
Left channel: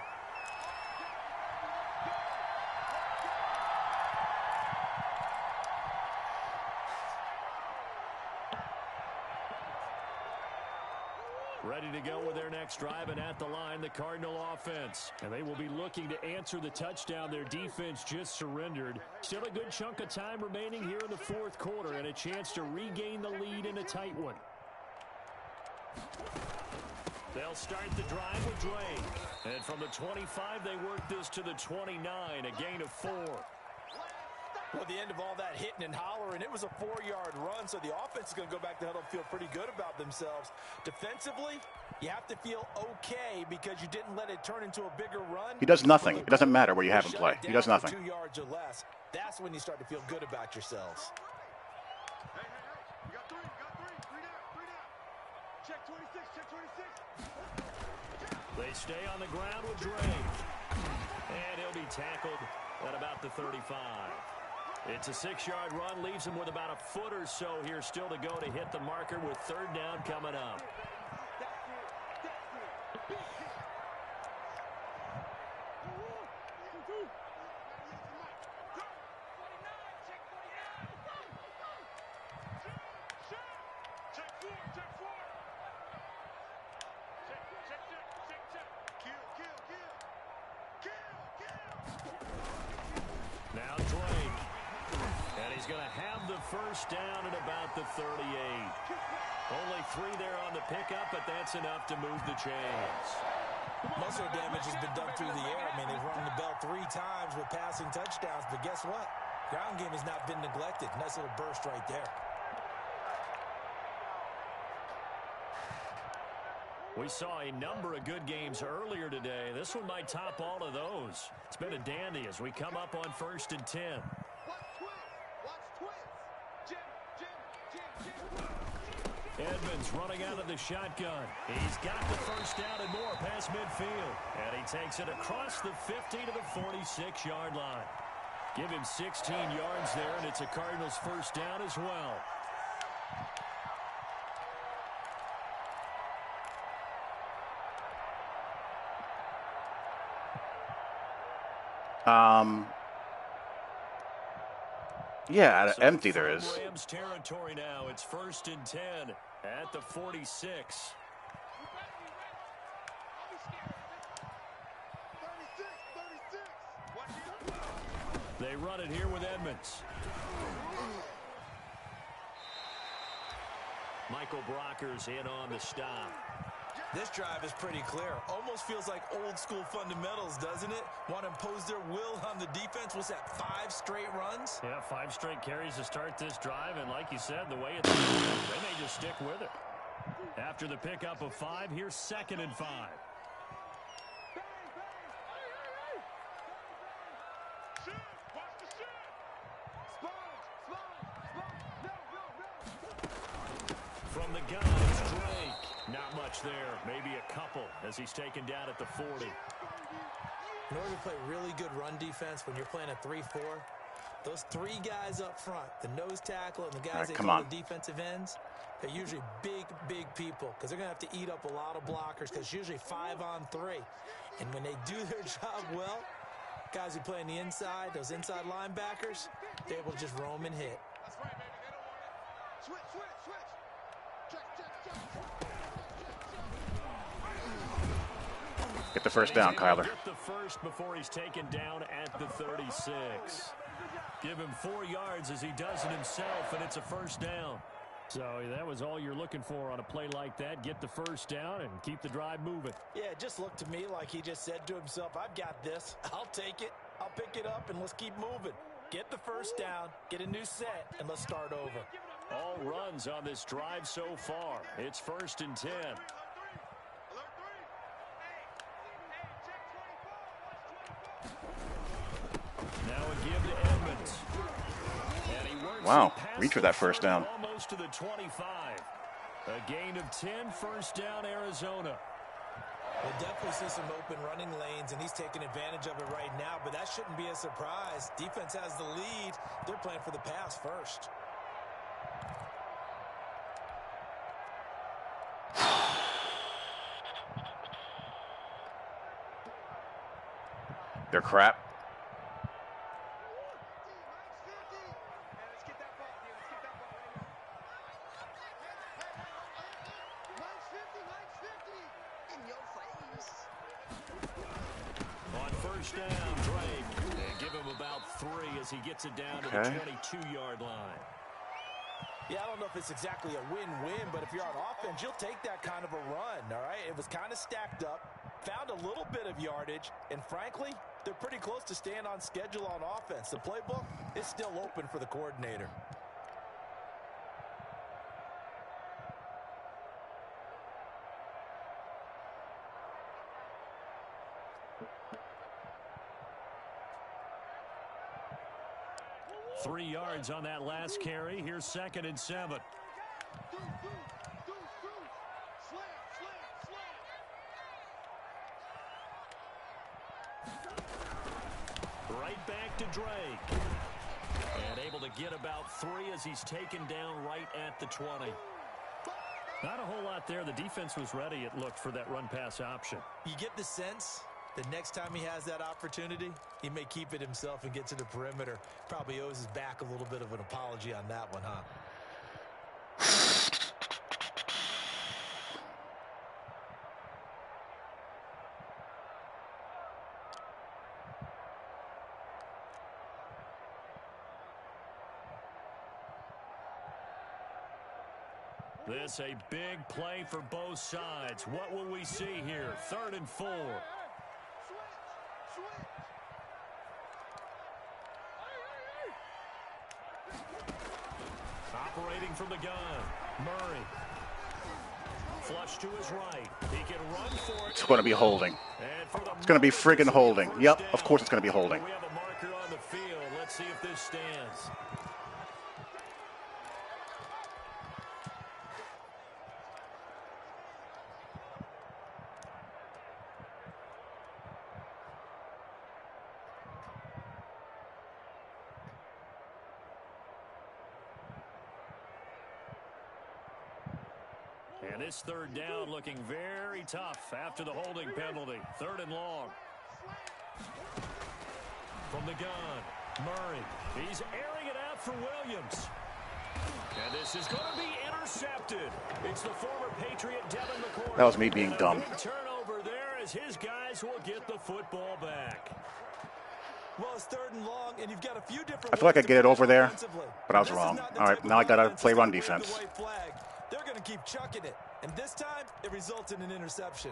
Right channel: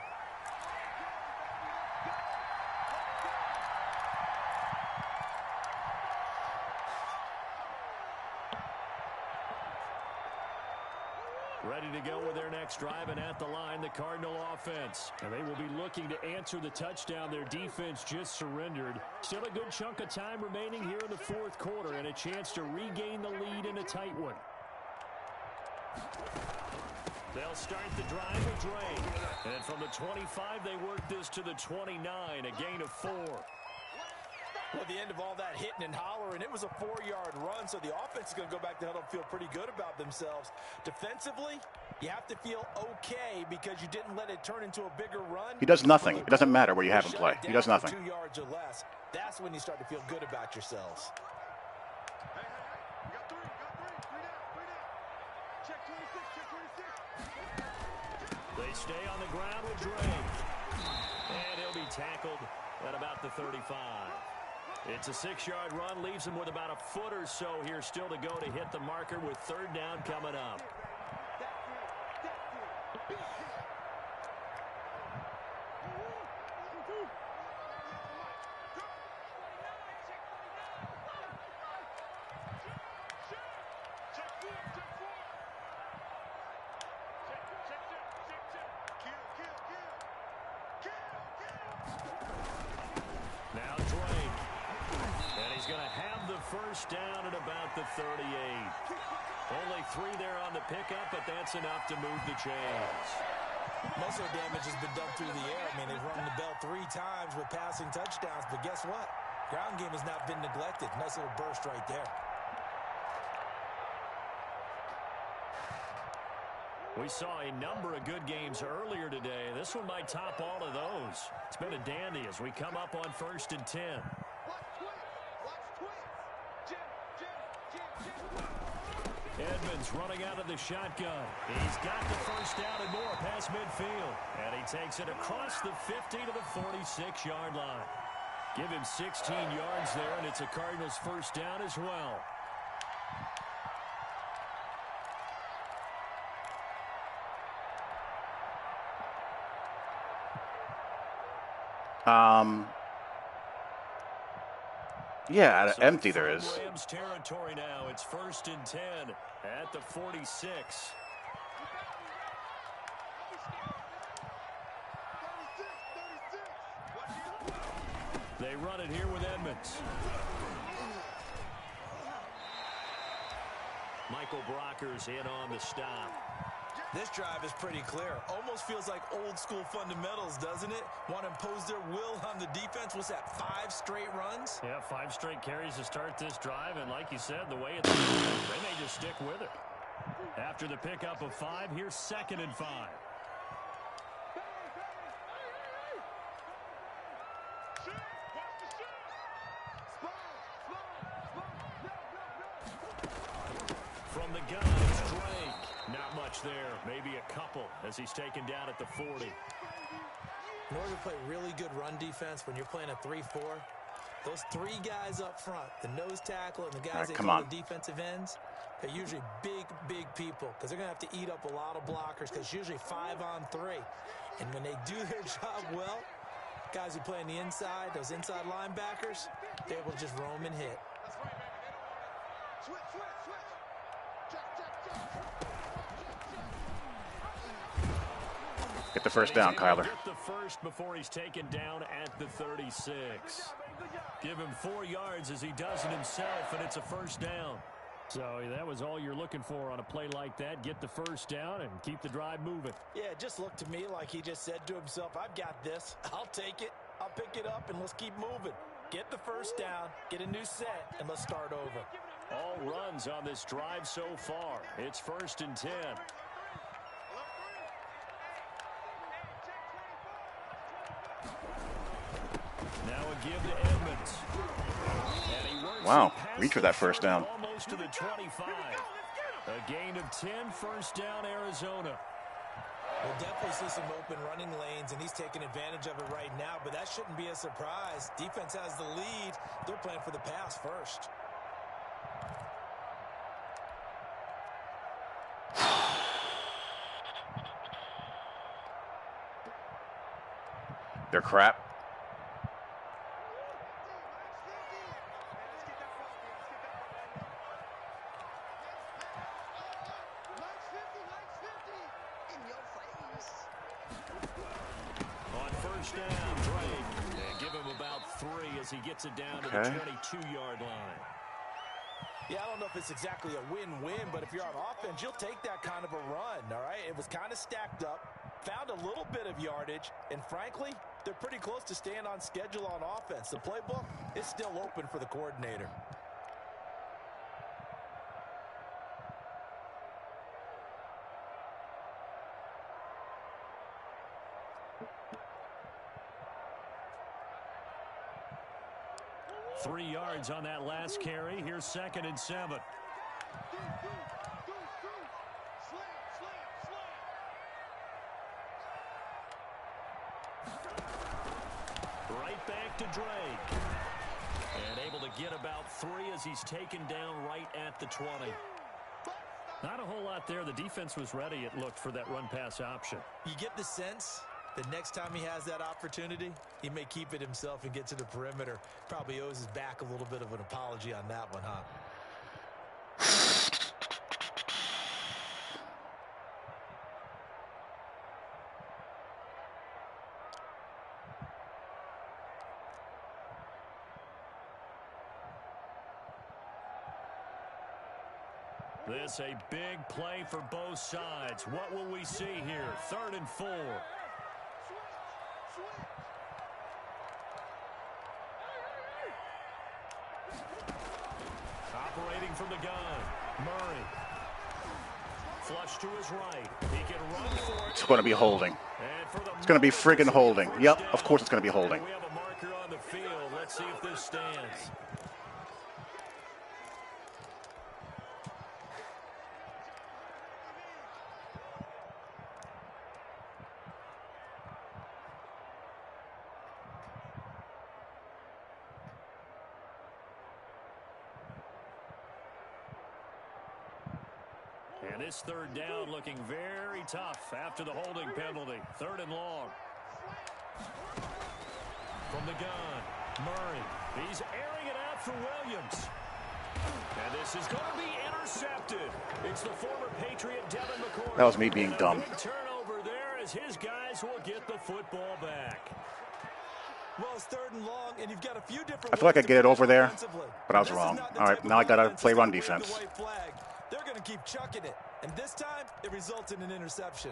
Ready to go with their next drive, and at the line, the Cardinal offense. And they will be looking to answer the touchdown. Their defense just surrendered. Still a good chunk of time remaining here in the 4th quarter, and a chance to regain the lead in a tight one. They'll start the drive with Drake. And from the 25, they work this to the 29, a gain of 4. Well, at the end of all that hitting and hollering, it was a 4-yard run, so the offense is going to go back to huddle and feel pretty good about themselves. Defensively, you have to feel okay because you didn't let it turn into a bigger run. He does nothing. It doesn't matter where you have him play. He does nothing. 2 yards or less. That's when you start to feel good about yourselves. Hey, you got three. 3 down. Check 26, check 26. They stay on the ground with Drake. And he'll be tackled at about the 35. It's a 6-yard run, leaves him with about a foot or so here still to go to hit the marker with 3rd down coming up. Now Drake. And he's going to have the first down at about the 38. Only 3 there on the pickup, but that's enough to move the chains. Most of the damage has been done through the air. I mean, they've rung the bell 3 times with passing touchdowns, but guess what? Ground game has not been neglected. Nice little burst right there. We saw a number of good games earlier today. This one might top all of those. It's been a dandy as we come up on 1st and 10. Edmonds running out of the shotgun. He's got the first down and more past midfield. And he takes it across the 50 to the 46-yard line. Give him 16 yards there, and it's a Cardinals first down as well. Yeah, So empty there is. Rams territory now. It's 1st and 10 at the 46. They run it here with Edmonds. Michael Brocker's in on the stop. This drive is pretty clear. Almost feels like old school fundamentals, doesn't it? Want to impose their will on the defense. What's that, 5 straight runs? Yeah, 5 straight carries to start this drive. And like you said, the way it's they may just stick with it. After the pickup of 5, here's 2nd and 5. From the gun, it's Drake. Not much there. Maybe a couple as he's taken down at the 40. In order to play really good run defense when you're playing a 3-4, those 3 guys up front, the nose tackle and the guys that call the defensive ends, they're usually big people because they're going to have to eat up a lot of blockers because it's usually 5-on-3. And when they do their job well, guys who play on the inside, those inside linebackers, they're able to just roam and hit. That's right, baby. They don't want it. Switch. Get the first down, Kyler. Get the first before he's taken down at the 36. Give him 4 yards as he does it himself, and it's a first down. So that was all you're looking for on a play like that. Get the first down and keep the drive moving. Yeah, it just looked to me like he just said to himself, I've got this. I'll take it. I'll pick it up, and let's keep moving. Get the first down, get a new set, and let's start over. All runs on this drive so far. It's 1st and 10. Now a give to Edmonds. And he works reach for that first down. Almost to the 25. A gain of 10, first down, Arizona. We'll definitely see some open running lanes, and he's taking advantage of it right now, but that shouldn't be a surprise. Defense has the lead. They're playing for the pass first. They're crap. On first down, Drake. And give him about 3 as he gets it down to the 22-yard line. Yeah, I don't know if it's exactly a win-win, but if you're on offense, you'll take that kind of a run, all right? It was kind of stacked up, found a little bit of yardage, and frankly, they're pretty close to staying on schedule on offense. The playbook is still open for the coordinator. Three yards on that last carry. Here's 2nd and 7. Right back to Drake. And able to get about 3 as he's taken down right at the 20. Not a whole lot there. The defense was ready, it looked, for that run-pass option. You get the sense that next time he has that opportunity, he may keep it himself and get to the perimeter. Probably owes his back a little bit of an apology on that one, huh? This a big play for both sides. What will we see here? 3rd and 4. Operating from the gun, Murray. Flush to his right. He can run for it. It's going to be holding. It's going to be friggin' holding. Yep, of course it's going to be holding. We have a marker on the field. Let's see if this stands. And this 3rd down looking very tough after the holding penalty. 3rd and long. From the gun, Murray. He's airing it out for Williams. And this is going to be intercepted. It's the former Patriot, Devin McCourty. That was me being dumb. Big turnover there as his guys will get the football back. Well, it's 3rd and long, and you've got a few different I feel like I get it over there, but I was wrong. All right, now I got to play run defense. they're going to keep chucking it. And this time, it results in an interception.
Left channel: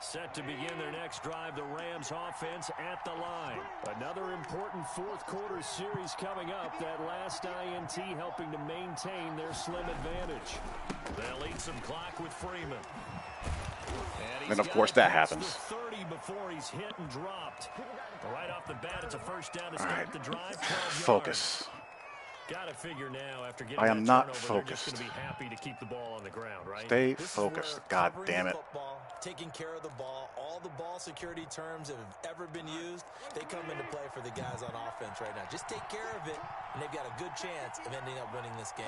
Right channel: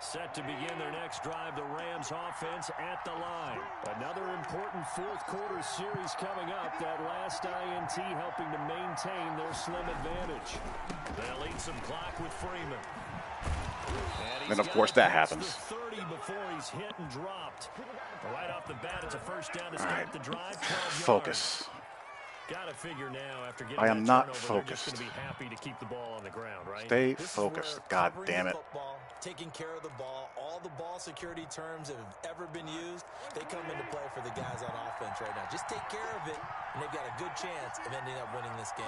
Set to begin their next drive, the Rams offense at the line. Another important fourth quarter series coming up. That last INT helping to maintain their slim advantage. They'll eat some clock with Freeman. And of course that happens. 30 before he's hit and dropped. Right off the bat, it's a first down to All start right. the drive. 12 Focus. yards. Got to figure now after getting I am that not turnover, focused. They're just going to be happy to keep the ball on the ground, right? Stay This is focused. where God covering damn the it. football, taking care of the ball, all the ball security terms that have ever been used, they come into play for the guys on offense right now. Just take care of it, and they've got a good chance of ending up winning this game.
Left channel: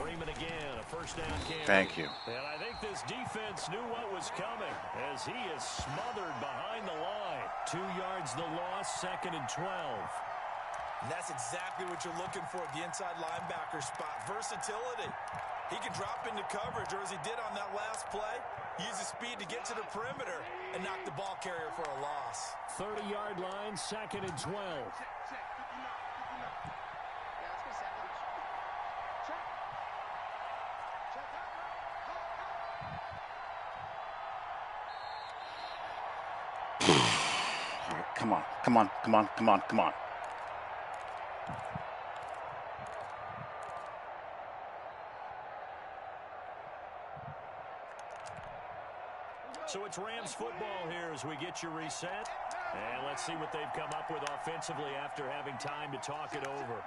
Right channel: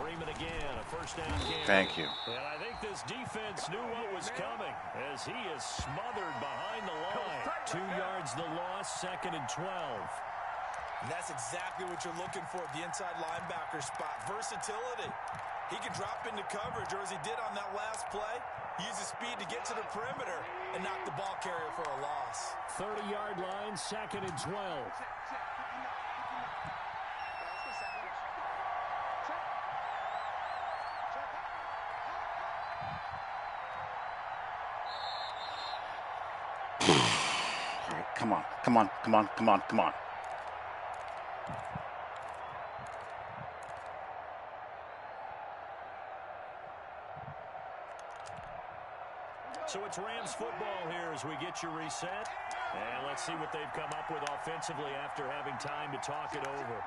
Freeman again, a first down carry. Thank you. And I think this defense knew what was coming as he is smothered behind the line. 2 yards the loss, 2nd and 12. And that's exactly what you're looking for at the inside linebacker spot. Versatility. He can drop into coverage, or as he did on that last play, use his speed to get to the perimeter and knock the ball carrier for a loss. 30-yard line, 2nd and 12. All right, come on, come on, come on, come on, come on. So it's Rams football here as we get you reset. And let's see what they've come up with offensively after having time to talk it over.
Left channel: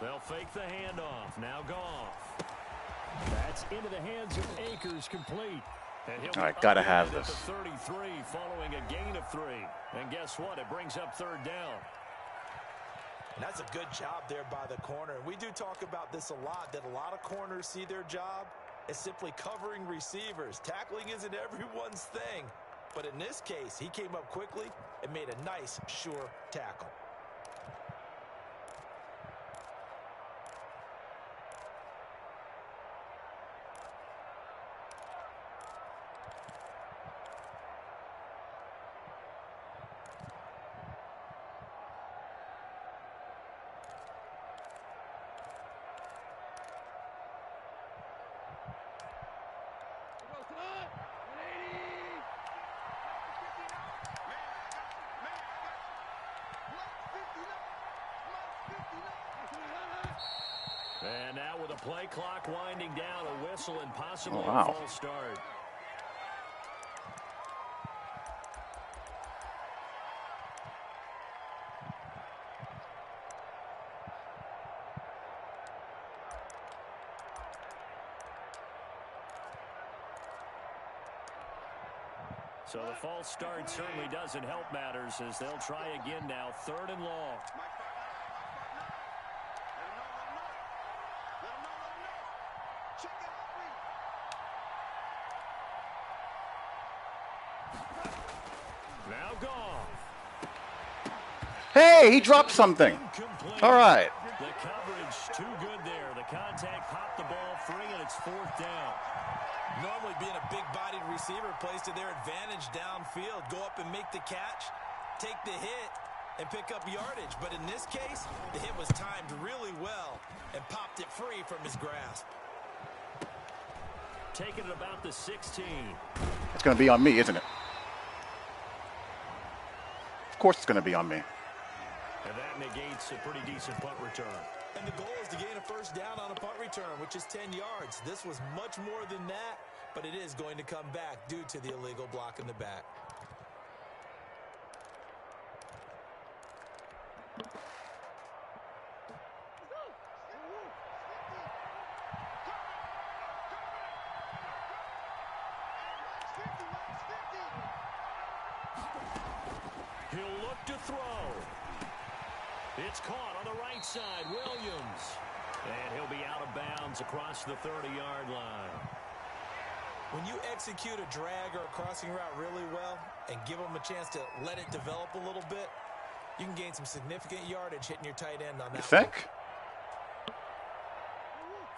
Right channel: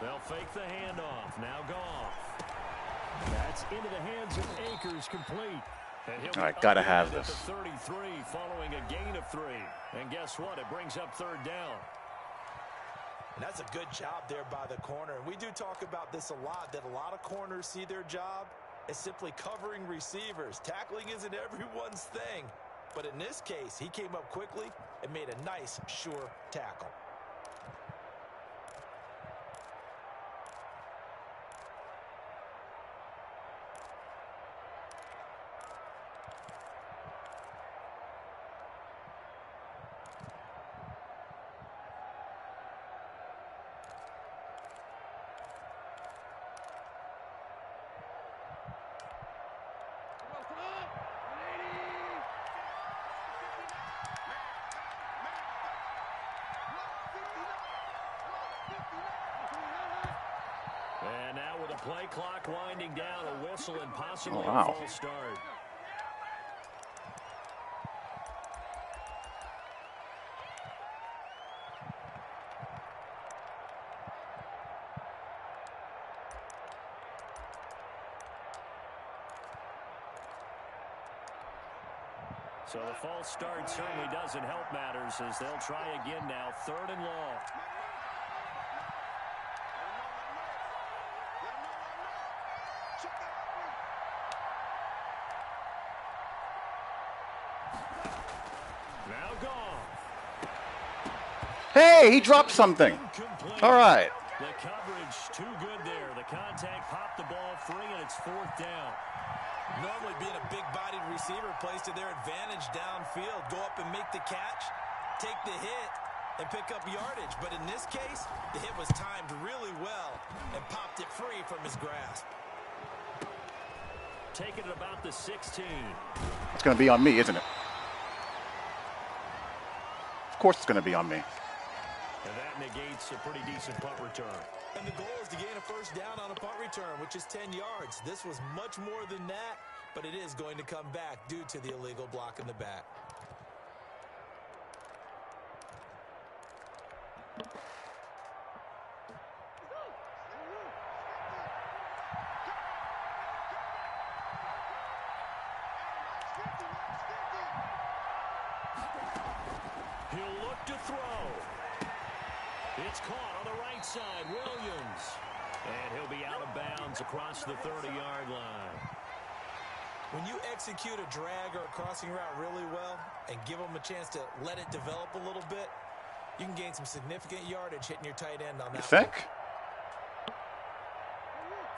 They'll fake the handoff. Now Goff. That's into the hands of Akers, complete. And he'll All right, be gotta up have at the this. 33 following a gain of 3. And guess what? It brings up 3rd down. And that's a good job there by the corner. And we do talk about this a lot, that a lot of corners see their job as simply covering receivers. Tackling isn't everyone's thing. But in this case, he came up quickly and made a nice, sure tackle. And now with a play clock winding down, a whistle and possibly Oh, wow. a false start. So the false start certainly doesn't help matters as they'll try again now. 3rd and long. Now Goff. Hey, he dropped something. Incomplete. All right. The coverage too good there. The contact popped the ball free, and it's 4th down. Normally being a big-bodied receiver plays to their advantage downfield. Go up and make the catch, take the hit, and pick up yardage. But in this case, the hit was timed really well and popped it free from his grasp. Taking it about the 16. It's going to be on me, isn't it? Of course it's going to be on me. And that negates a pretty decent punt return. And the goal is to gain a first down on a punt return, which is 10 yards. This was much more than that, but it is going to come back due to the illegal block in the back. He'll look to throw. It's caught on the right side, Williams. And he'll be out of bounds across the 30-yard line. When you execute a drag or a crossing route really well and give them a chance to let it develop a little bit, you can gain some significant yardage hitting your tight end on that You think? one.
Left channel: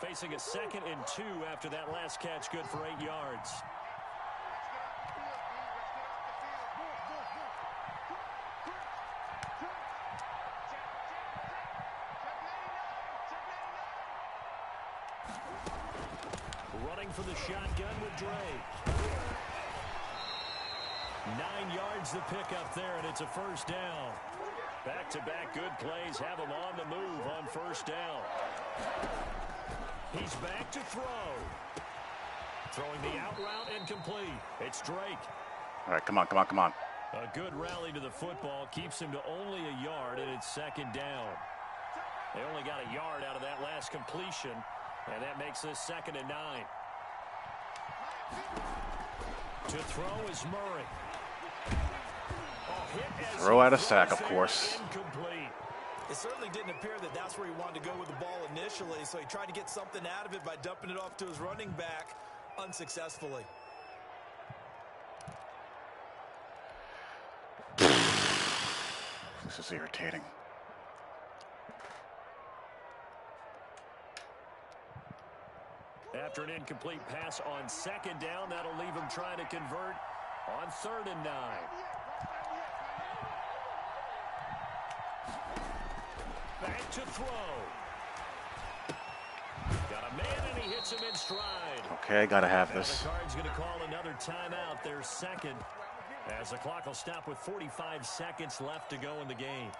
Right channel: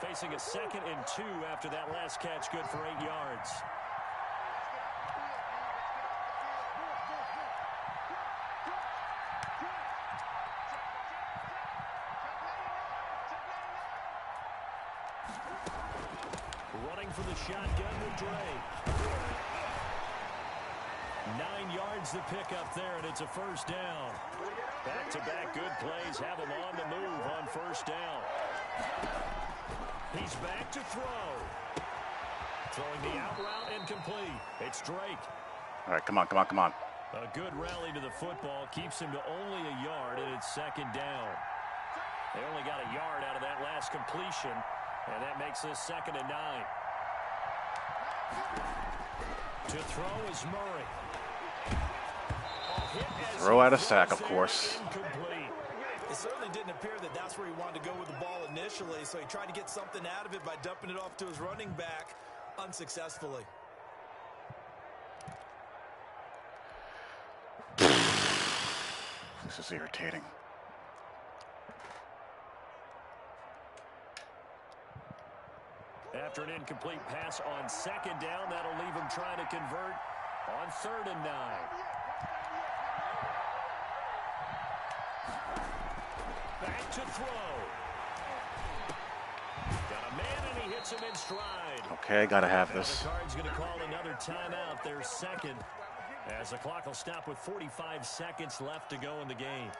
Facing a 2nd and 2 after that last catch, good for 8 yards. Running for the shotgun with Dre. 9 yards to pick up there, and it's a first down. Back-to-back good plays have him on the move on first down. He's back to throw. Throwing the out route incomplete. It's Drake. All right, come on, come on, come on. A good rally to the football keeps him to only a yard, and it's 2nd down. They only got a yard out of that last completion, and that makes this 2nd and 9. To throw is Murray. Throw out a sack, of course. Incomplete. It certainly didn't appear that that's where he wanted to go with the ball initially, so he tried to get something out of it by dumping it off to his running back unsuccessfully. This is irritating. After an incomplete pass on 2nd down, that'll leave him trying to convert on 3rd and 9. Back to throw. Got a man, and he hits him in stride. Okay, gotta have this. The Card's going to call another timeout. Their 2nd, as the clock will stop with 45 seconds left to go in the game.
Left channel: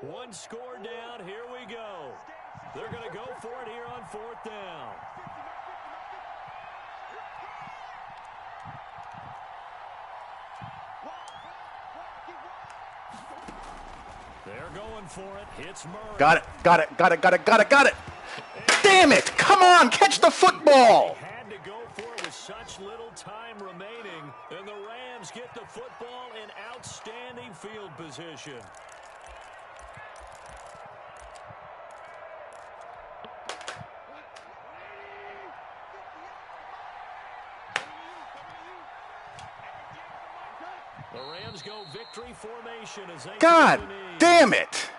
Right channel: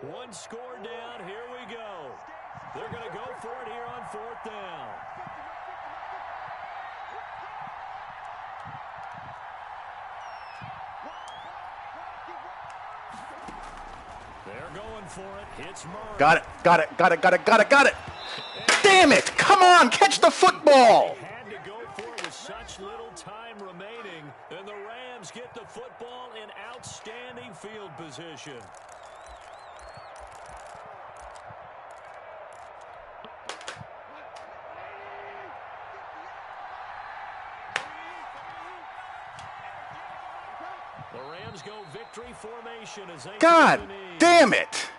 One score down. Here we go. They're going to go for it here on 4th down. They're going for it. It's Murray. Got it, got it, got it, got it, got it, got it. Damn it! Come on, catch the football! They had to go for it with such little time remaining, and the Rams get the football in outstanding field position. The Rams go victory formation as they God damn it!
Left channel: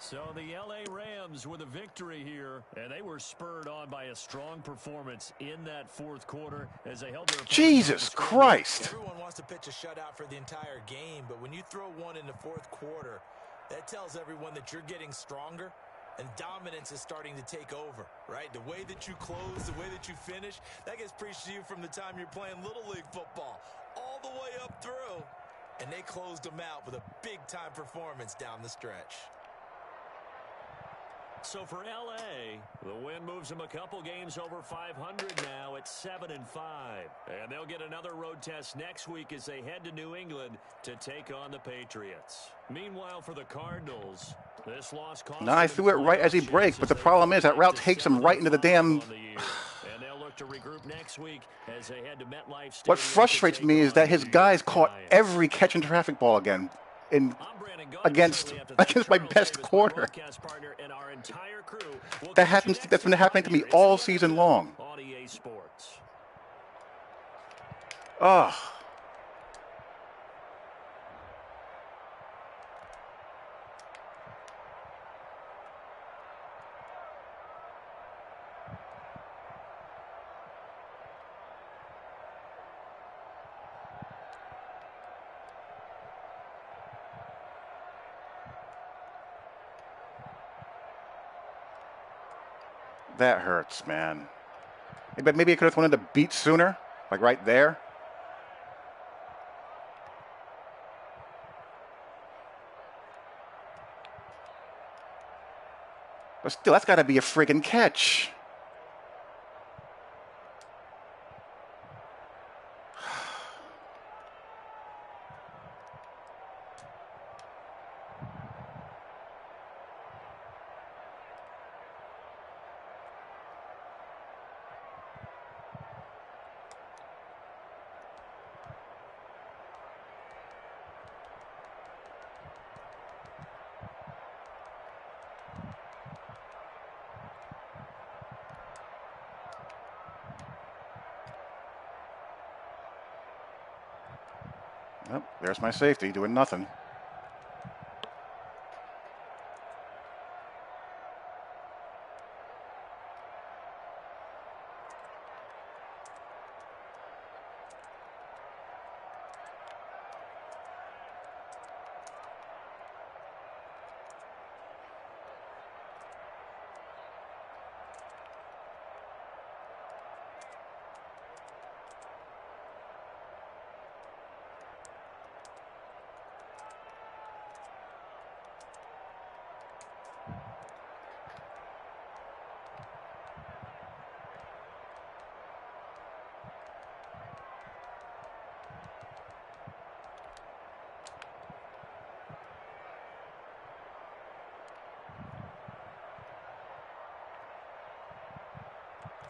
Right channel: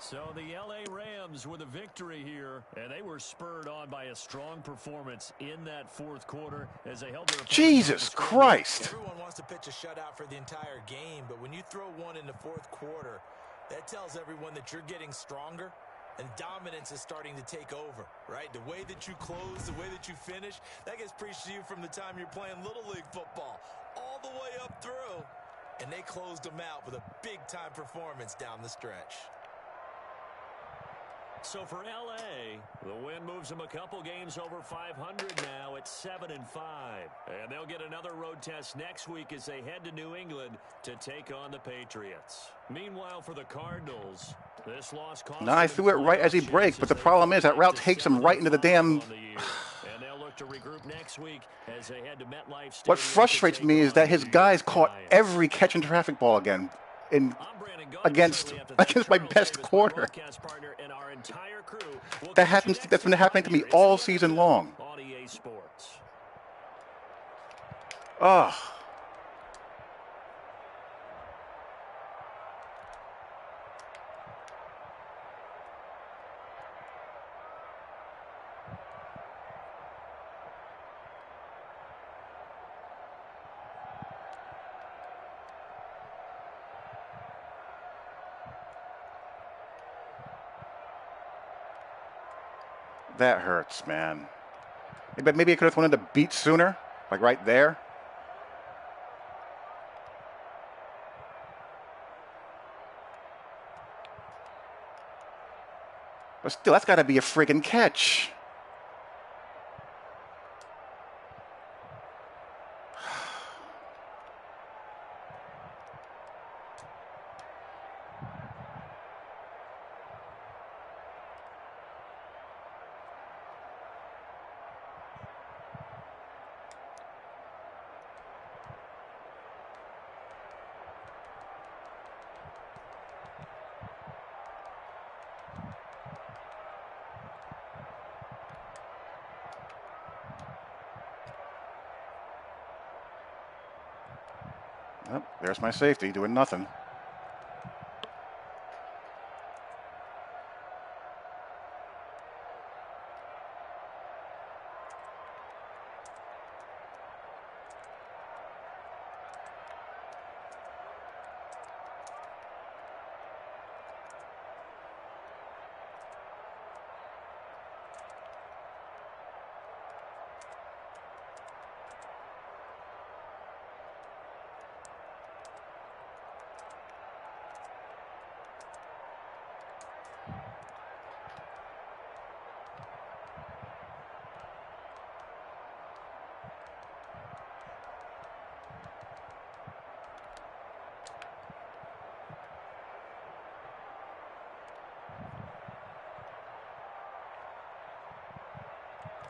So the L.A. Rams with a victory here, and they were spurred on by a strong performance in that 4th quarter as they held their opponents. Jesus Christ! Everyone wants to pitch a shutout for the entire game, but when you throw one in the 4th quarter, that tells everyone that you're getting stronger and dominance is starting to take over, right? The way that you close, the way that you finish, that gets preached to you from the time you're playing Little League football all the way up through, and they closed them out with a big-time performance down the stretch. So for L.A., the win moves them a couple games over 500 now at 7-5. And they'll get another road test next week as they head to New England to take on the Patriots. Meanwhile, for the Cardinals, this loss cost No, I threw it right as he breaks, but the problem is that route takes him right into the damn... And they'll look to regroup next week as they head to MetLife Stadium. What frustrates me is that his guys caught every catch and traffic ball again against my best quarter. That's been happening to me all season long. Ugh. That hurts, man. But maybe I could have wanted to beat sooner, like right there. But still, that's got to be a friggin' catch. Oh, there's my safety doing nothing.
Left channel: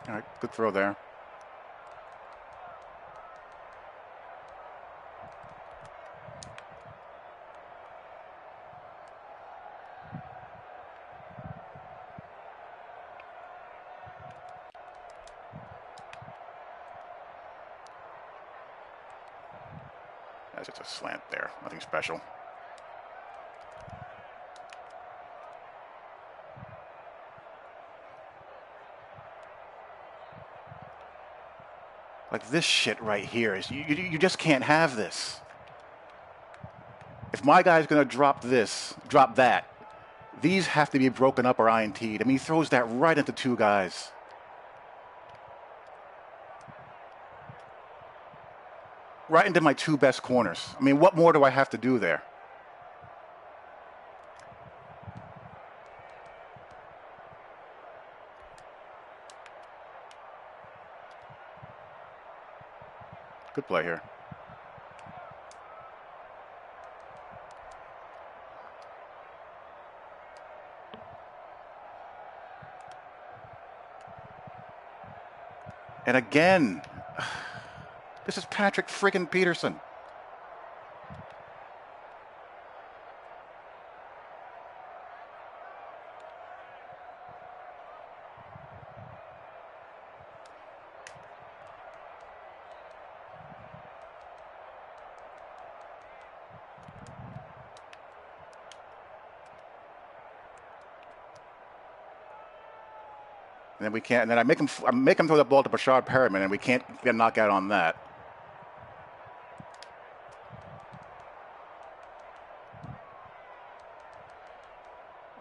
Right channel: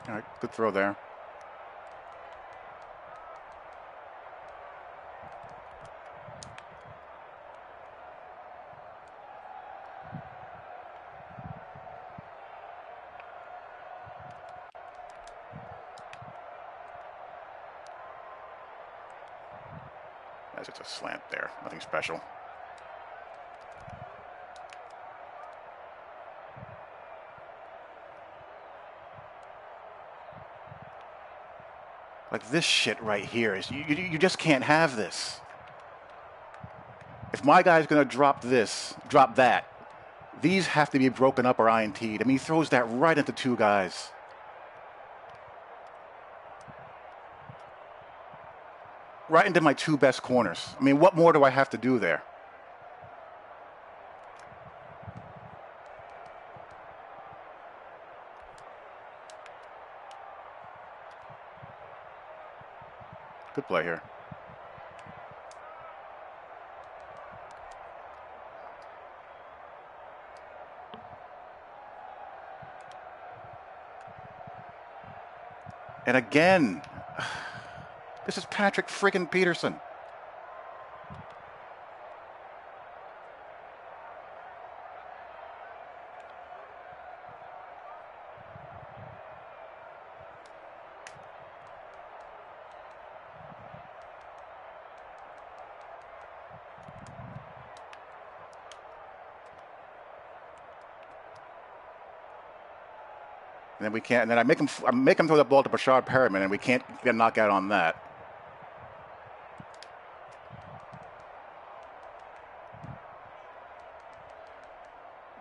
All right, good throw there. That's just a slant there, nothing special. Like this shit right here is, you just can't have this. If my guy's going to drop that, these have to be broken up or INT'd. I mean, he throws that right into two guys. Right into my two best corners. I mean, what more do I have to do there? Good play here. And again, this is Patrick friggin' Peterson. And then we can't. And then I make him throw the ball to Bashard Perriman, and we can't get a knockout on that.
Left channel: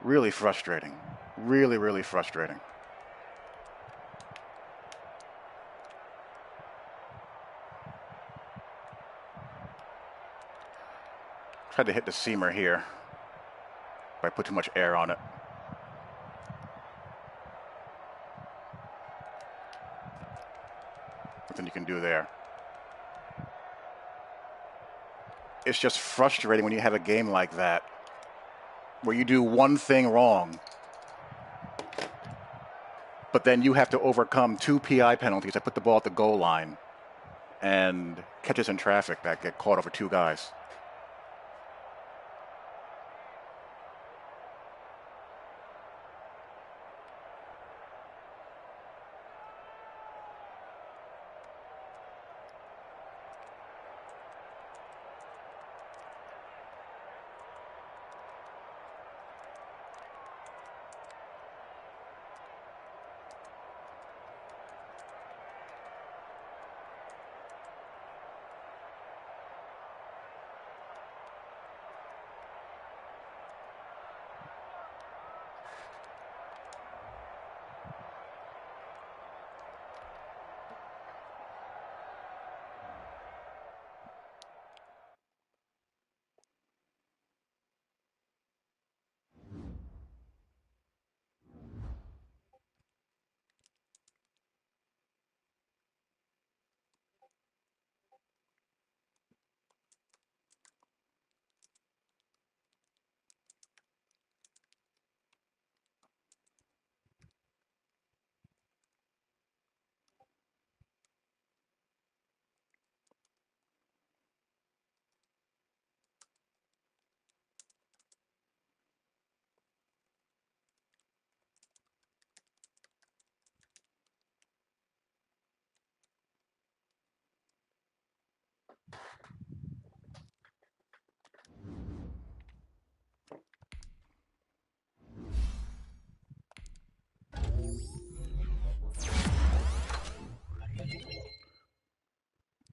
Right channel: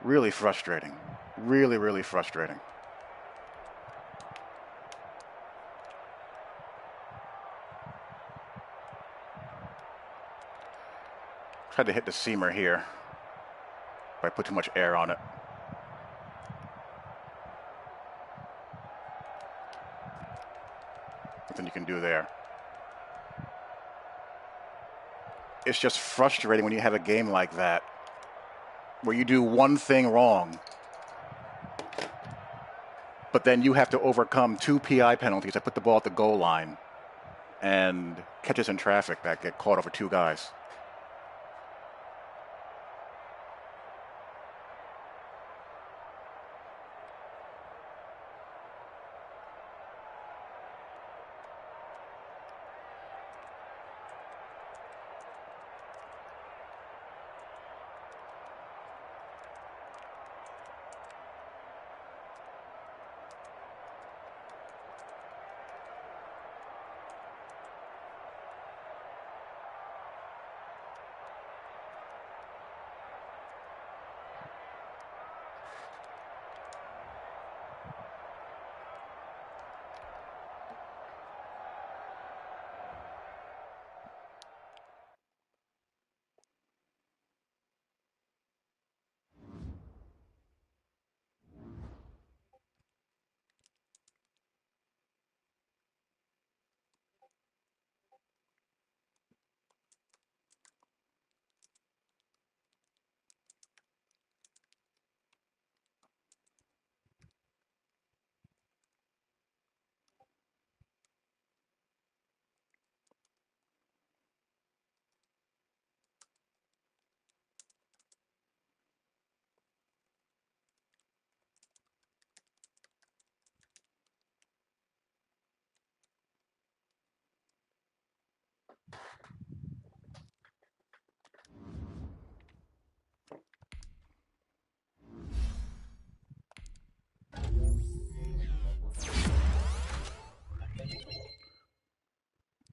Really frustrating. Really, really frustrating. Tried to hit the seamer here, but I put too much air on it. Nothing you can do there. It's just frustrating when you have a game like that, where you do one thing wrong, but then you have to overcome two PI penalties that put the ball at the goal line and catches in traffic that get caught over two guys.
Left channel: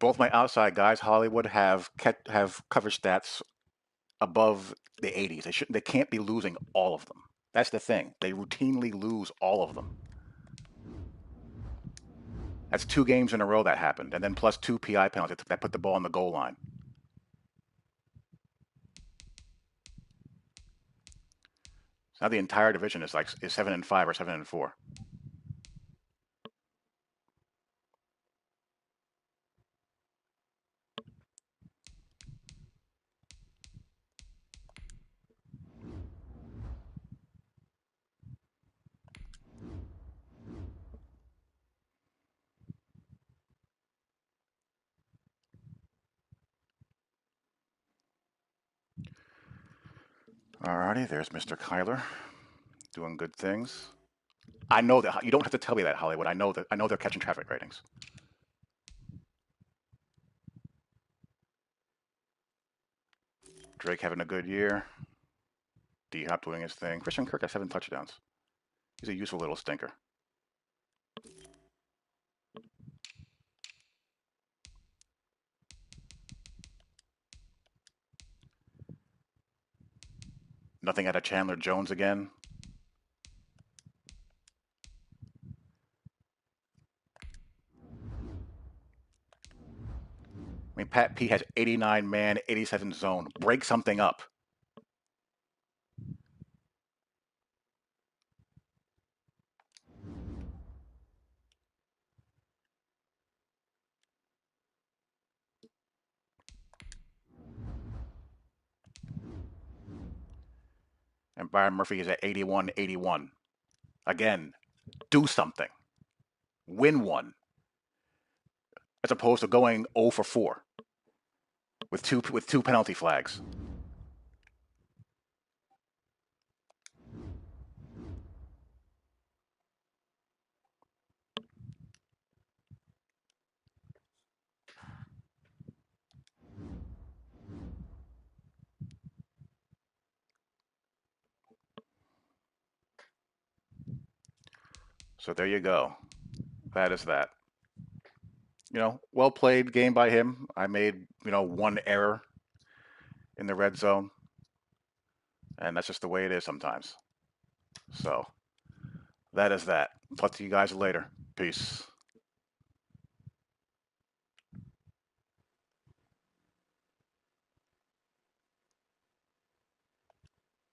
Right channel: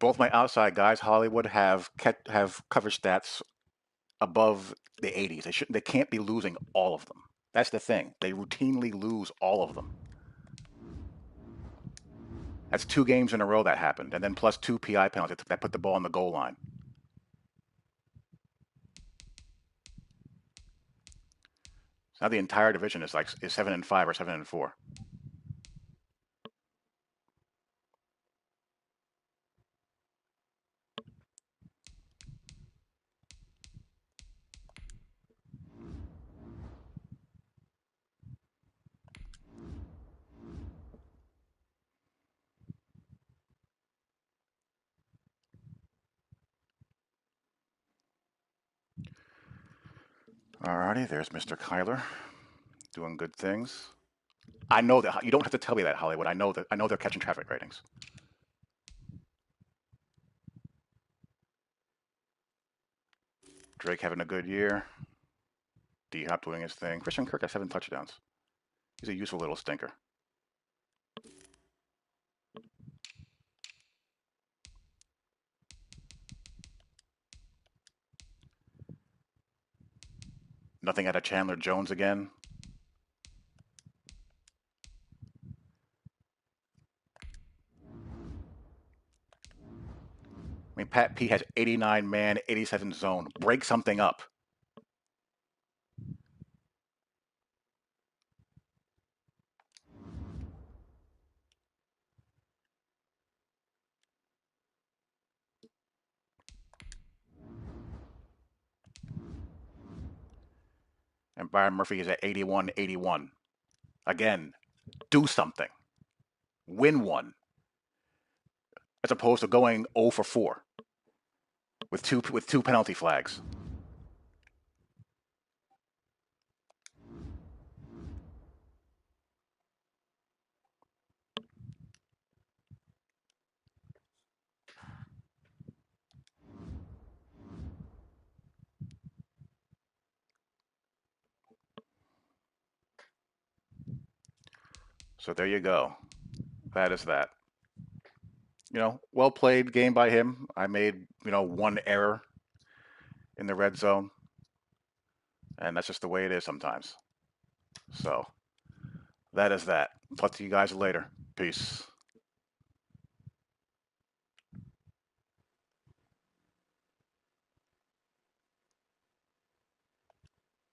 both my outside guys, Hollywood, have coverage stats above the 80s. They can't be losing all of them. That's the thing. They routinely lose all of them. That's 2 games in a row that happened, and then plus 2 PI penalties that put the ball on the goal line. So now the entire division is 7-5 or 7-4. Alrighty, there's Mr. Kyler doing good things. I know that you don't have to tell me that, Hollywood. I know they're catching traffic ratings. Drake having a good year. D-Hop doing his thing. Christian Kirk has 7 touchdowns. He's a useful little stinker. Nothing out of Chandler Jones again. I mean, Pat P has 89 man, 87 zone. Break something up. And Byron Murphy is at 81-81. Again, do something. Win one. As opposed to going 0 for 4 with two penalty flags. So there you go. That is that. Well played game by him. I made, one error in the red zone. And that's just the way it is sometimes. So that is that. Talk to you guys later. Peace.